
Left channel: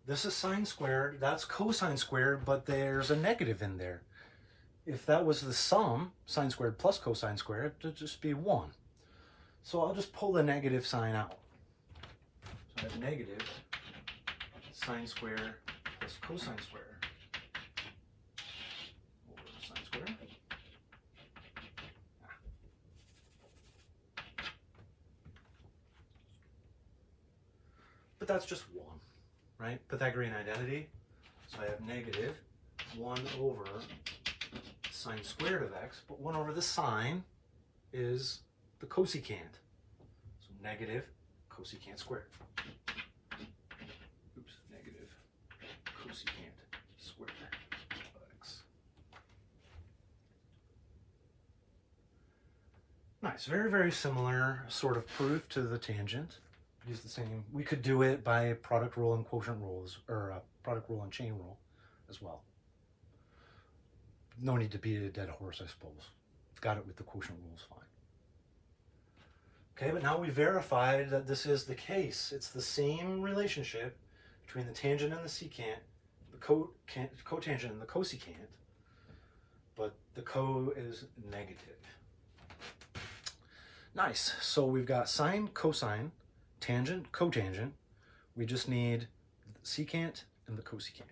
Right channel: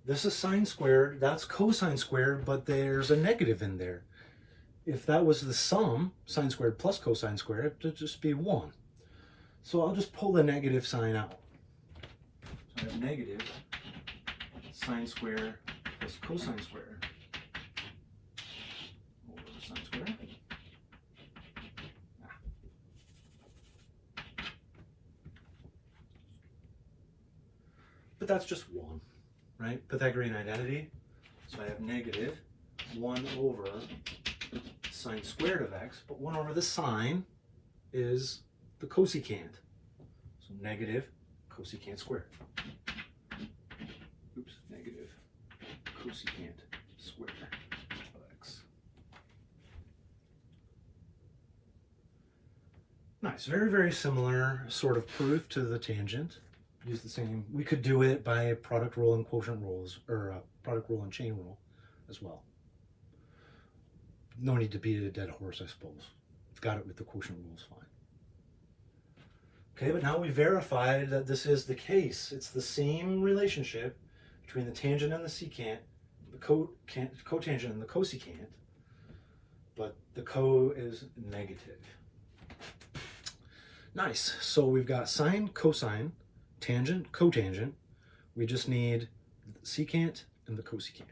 this is sine squared, that's cosine squared, but there's a negative in there. If that was the sum, sine squared plus cosine squared, it would just be 1. So I'll just pull the negative sign out. So I have negative sine squared plus cosine squared over sine squared. but that's just 1, right? Pythagorean identity. So I have negative 1 over sine squared of x, but 1 over the sine is the cosecant. So negative cosecant squared. Oops, negative cosecant squared of x. Nice, very, very similar sort of proof to the tangent. Use the same. We could do it by product rule and quotient rules, or product rule and chain rule as well. No need to beat a dead horse, I suppose. Got it with the quotient rules, fine. Okay, but now we verified that this is the case. It's the same relationship between the tangent and the secant, the cotangent and the cosecant, but the co is negative. Nice. So we've got sine, cosine, tangent, cotangent. We just need the secant and the cosecant.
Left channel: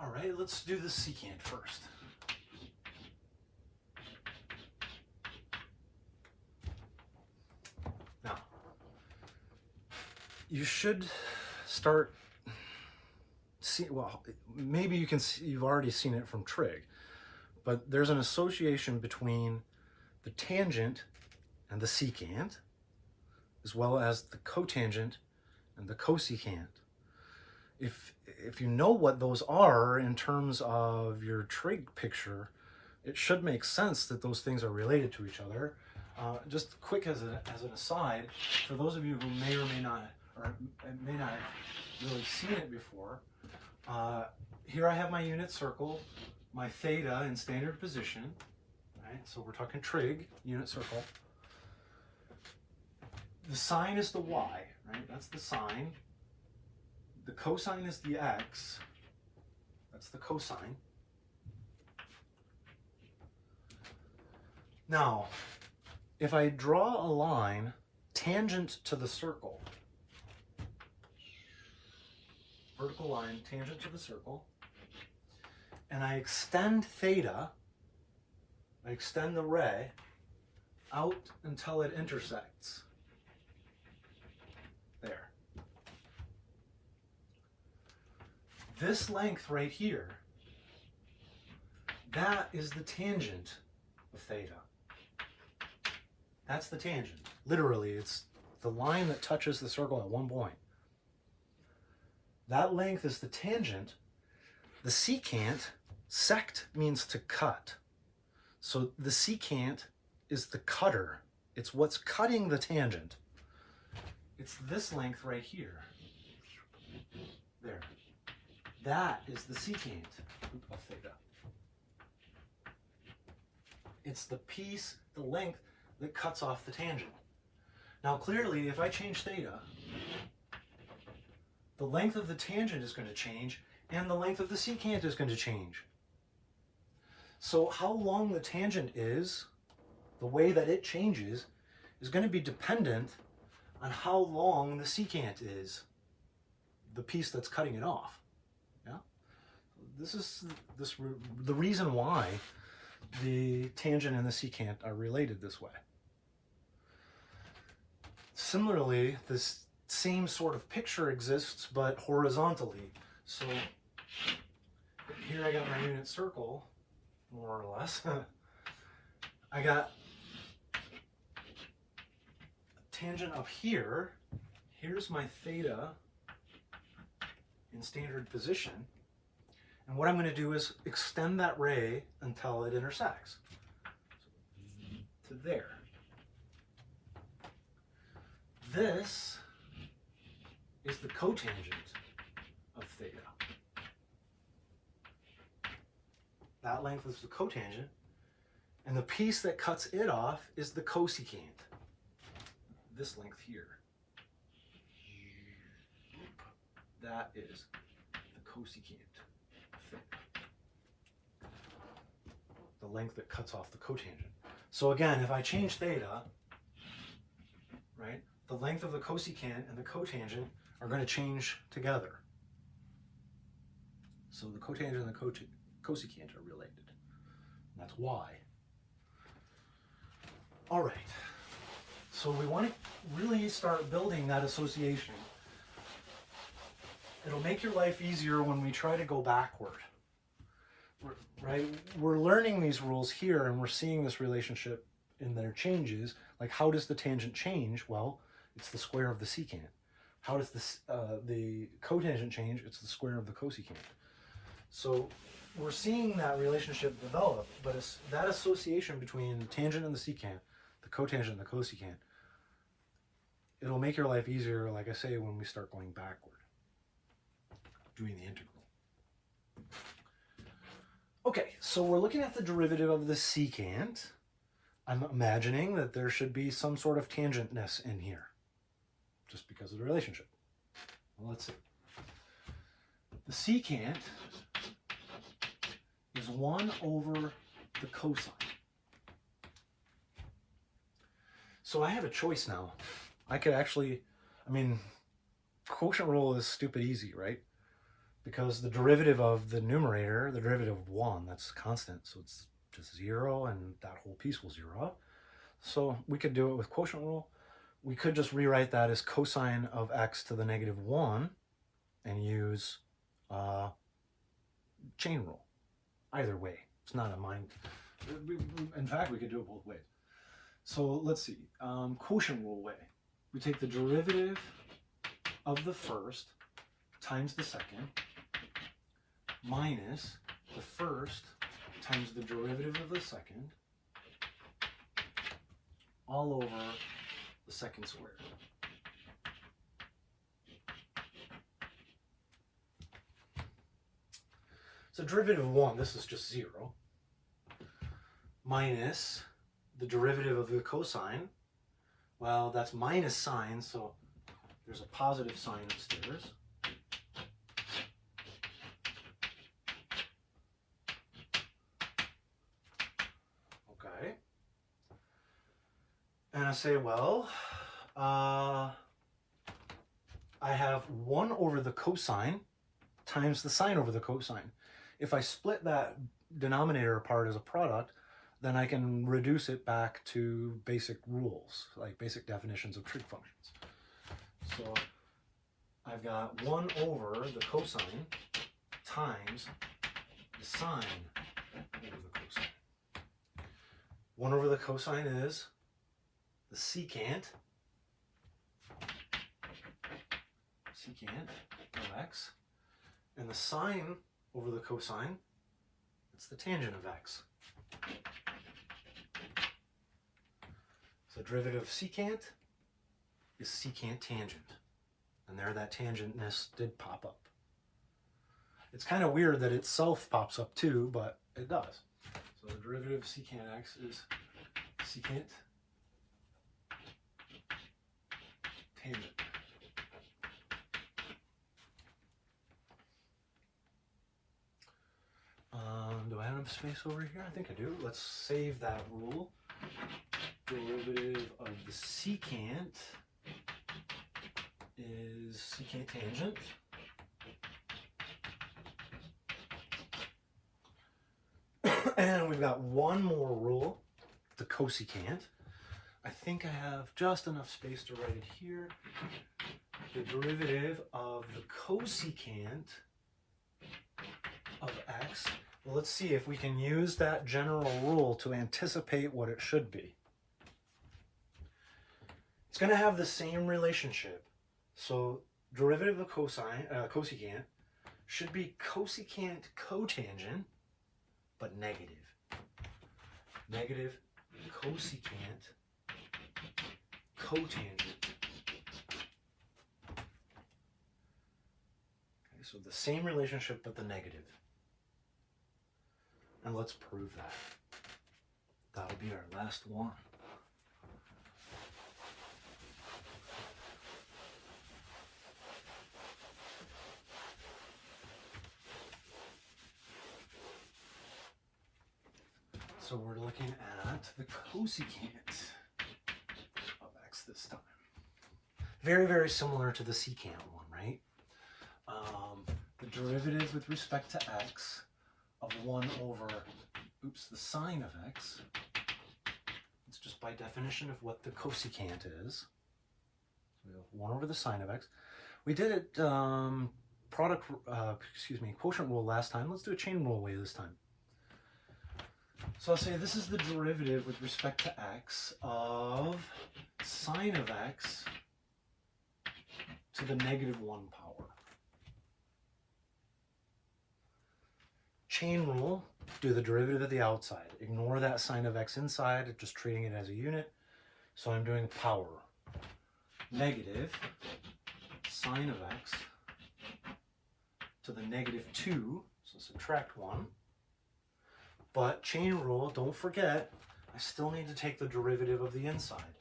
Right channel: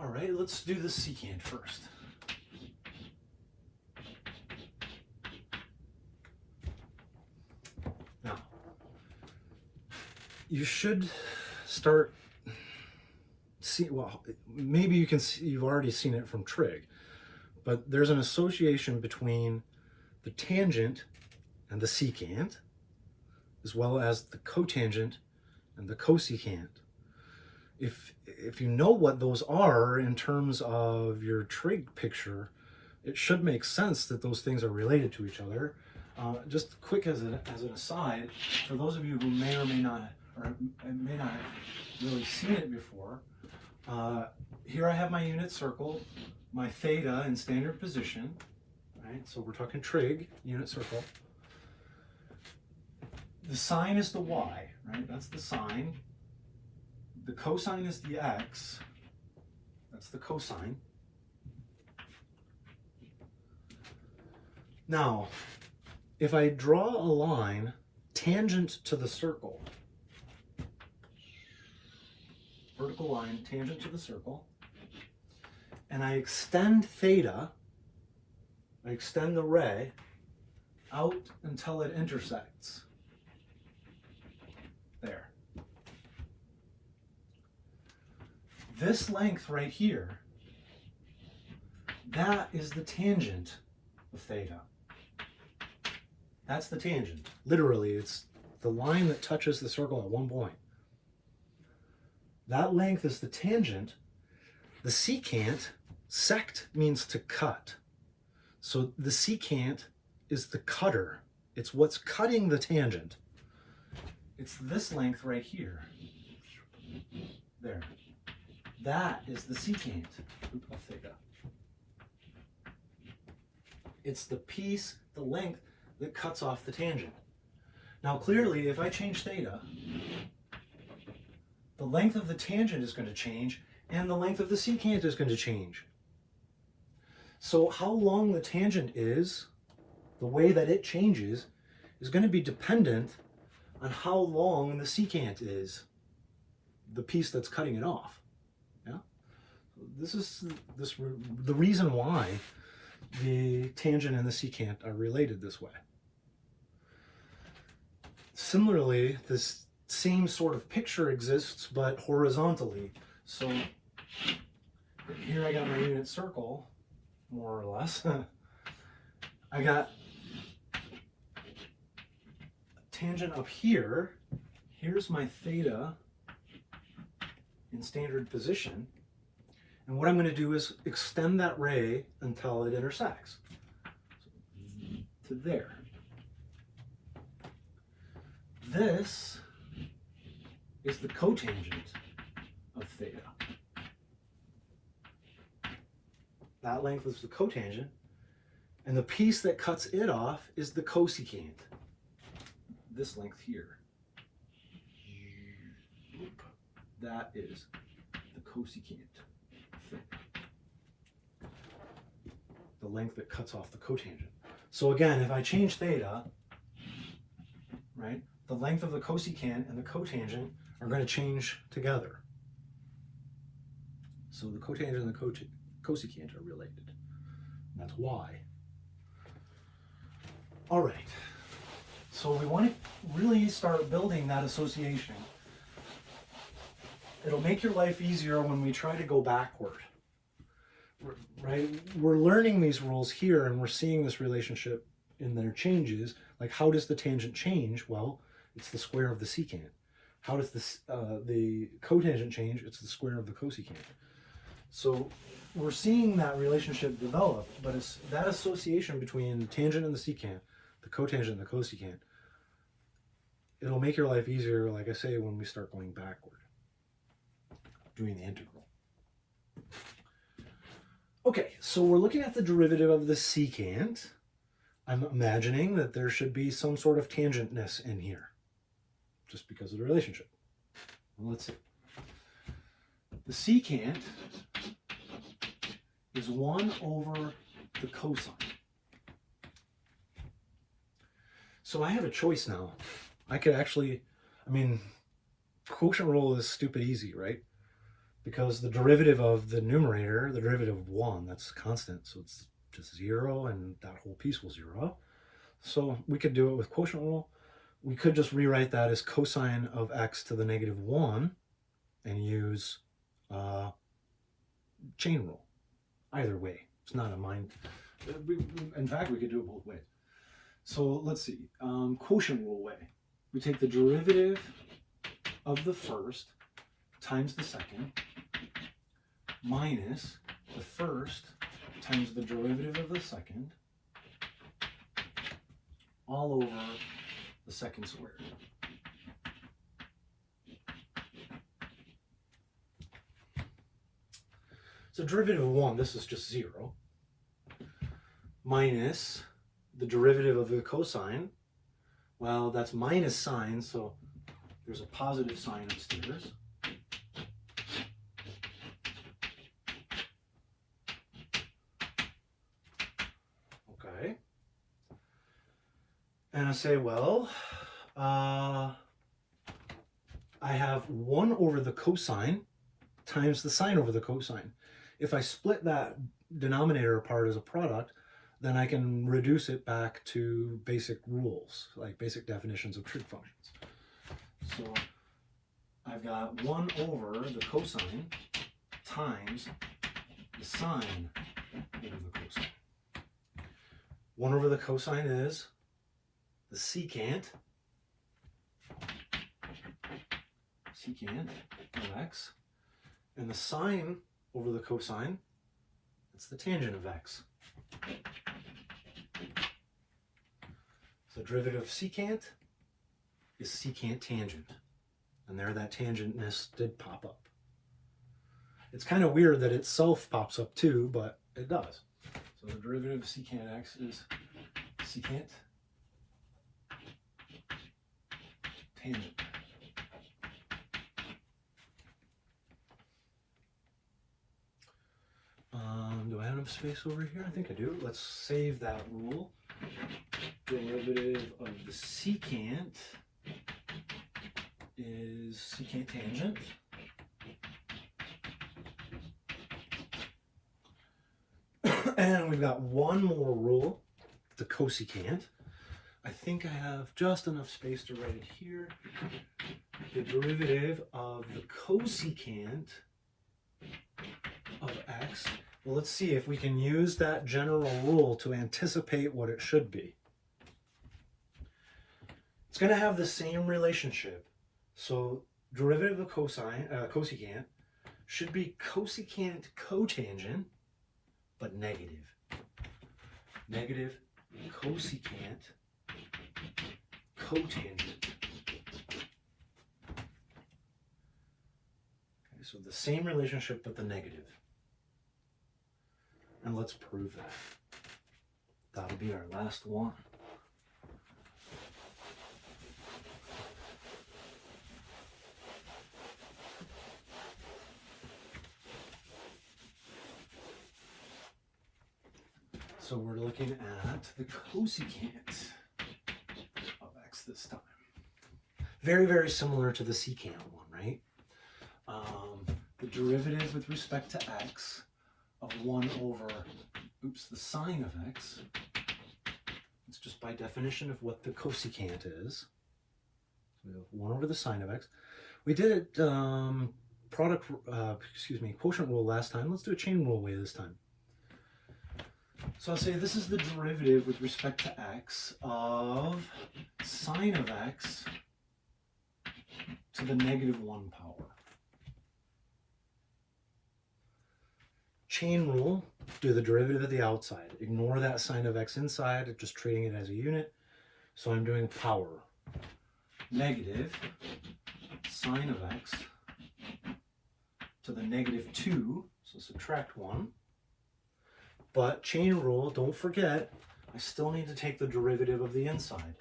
All right, let's do the secant first. Now, you should start well, maybe you can see, you've already seen it from trig, but there's an association between the tangent and the secant, as well as the cotangent and the cosecant. If you know what those are in terms of your trig picture, it should make sense that those things are related to each other. Just quick as an aside, for those of you who may or may not have really seen it before, here I have my unit circle, my theta in standard position, right? So we're talking trig, unit circle. The sine is the y, right? That's the sine. The cosine is the x. That's the cosine. Now, if I draw a line tangent to the circle, vertical line tangent to the circle, and I extend theta, I extend the ray out until it intersects. There. This length right here, that is the tangent of theta. That's the tangent. Literally, it's the line that touches the circle at one point. That length is the tangent. The secant, sect means to cut. So the secant is the cutter. It's what's cutting the tangent. It's this length right here. There. That is the secant of theta. It's the piece, the length, that cuts off the tangent. Now clearly, if I change theta, the length of the tangent is going to change, and the length of the secant is going to change. So how long the tangent is, the way that it changes, is going to be dependent on how long the secant is, the piece that's cutting it off. Yeah? This is the reason why the tangent and the secant are related this way. Similarly, this same sort of picture exists, but horizontally. So here I got my unit circle, more or less. I got a tangent up here. Here's my theta in standard position. And what I'm going to do is extend that ray until it intersects. So, to there. This is the cotangent of theta. That length is the cotangent, and the piece that cuts it off is the cosecant. This length here. That is the cosecant of theta. The length that cuts off the cotangent. So again, if I change theta, right? The length of the cosecant and the cotangent are going to change together. So the cotangent and the cosecant are related. And that's why. All right. So we want to really start building that association. It'll make your life easier when we try to go backward. Right? We're learning these rules here and we're seeing this relationship in their changes. Like, how does the tangent change? Well, it's the square of the secant. How does the cotangent change? It's the square of the cosecant. So we're seeing that relationship develop, but it's that association between the tangent and the secant, the cotangent and the cosecant, it'll make your life easier, like I say, when we start going backward, doing the integral. Okay, so we're looking at the derivative of the secant. I'm imagining that there should be some sort of tangentness in here, just because of the relationship. Well, let's see. The secant is 1 over the cosine. So I have a choice now. I could actually, quotient rule is stupid easy, right? Because the derivative of the numerator, the derivative of 1, that's constant, so it's just 0, and that whole piece will 0. So we could do it with quotient rule. We could just rewrite that as cosine of x to the negative 1 and use chain rule. Either way, it's not a mind. In fact, we could do it both ways. So let's see, quotient rule way. We take the derivative of the first times the second minus the first times the derivative of the second all over the second squared. So derivative of 1, this is just 0, minus the derivative of the cosine. Well, that's minus sine, so there's a positive sign upstairs. Okay. And I say, well, I have 1 over the cosine times the sine over the cosine. If I split that denominator apart as a product, then I can reduce it back to basic rules, like basic definitions of trig functions. So I've got 1 over the cosine times the sine over the cosine. 1 over the cosine is the secant of x, and the sine over the cosine, it's the tangent of x. So derivative of secant is secant tangent. And there that tangentness did pop up. It's kind of weird that itself pops up too, but it does. So the derivative of secant x is secant tangent. Do I have enough space over here? I think I do. Let's save that rule. Derivative of the secant is secant tangent. And we've got one more rule, the cosecant. I think I have just enough space to write it here. The derivative of the cosecant of x. Well, let's see if we can use that general rule to anticipate what it should be. It's going to have the same relationship. So derivative of cosecant should be cosecant cotangent, but negative. Negative cosecant cotangent. Okay, so the same relationship, but the negative. And let's prove that. That'll be our last one. So we're looking at the cosecant of x this time. very, very similar to the secant one, right? The derivative with respect to x of 1 over, the sine of x. It's just by definition of what the cosecant is. So we have 1 over the sine of x. We did it quotient rule last time. Let's do a chain rule way this time. So I'll say this is the derivative with respect to x of sine of x to the -1 power. Chain rule, do the derivative of the outside. Ignore that sine of x inside, just treating it as a unit. So I'm doing power. Negative sine of x to the -2, so subtract 1. But chain rule, don't forget, I still need to take the derivative of the inside.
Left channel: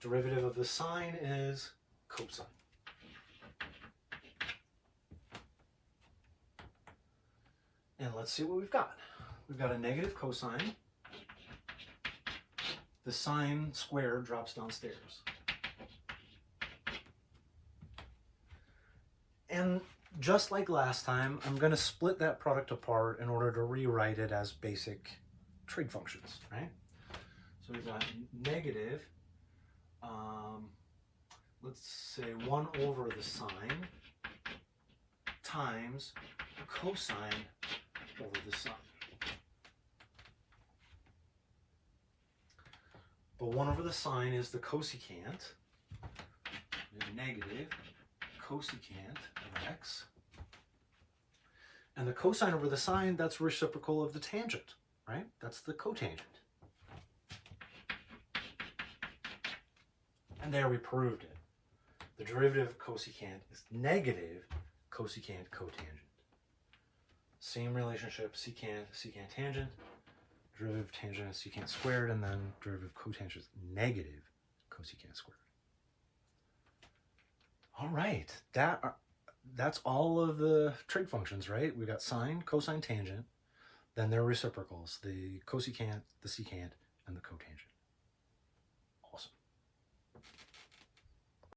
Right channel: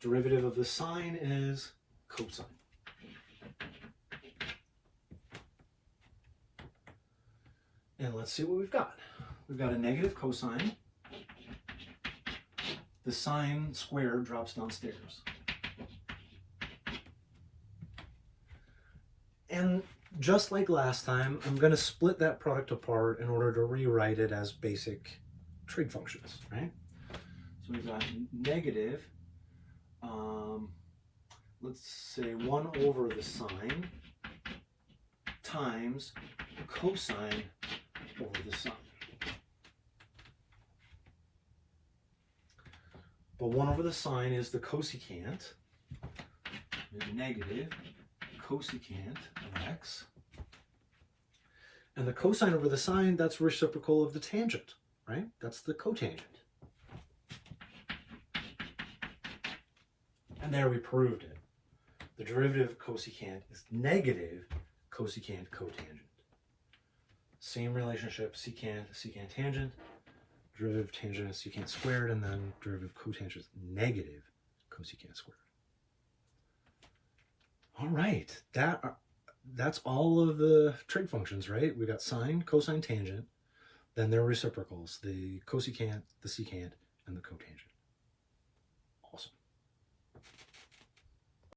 Derivative of the sine is cosine. And let's see what we've got. We've got a negative cosine. The sine squared drops downstairs. And just like last time, I'm going to split that product apart in order to rewrite it as basic trig functions, right? So we've got negative, let's say 1 over the sine times cosine over the sine. But 1 over the sine is the cosecant, negative cosecant of x. And the cosine over the sine, that's reciprocal of the tangent, right? That's the cotangent. And there we proved it. The derivative of cosecant is negative cosecant cotangent. Same relationship, secant, secant tangent, derivative of tangent is secant squared, and then derivative of cotangent is negative cosecant squared. All right, that's all of the trig functions, right? We got sine, cosine, tangent, then their reciprocals, the cosecant, the secant, and the cotangent.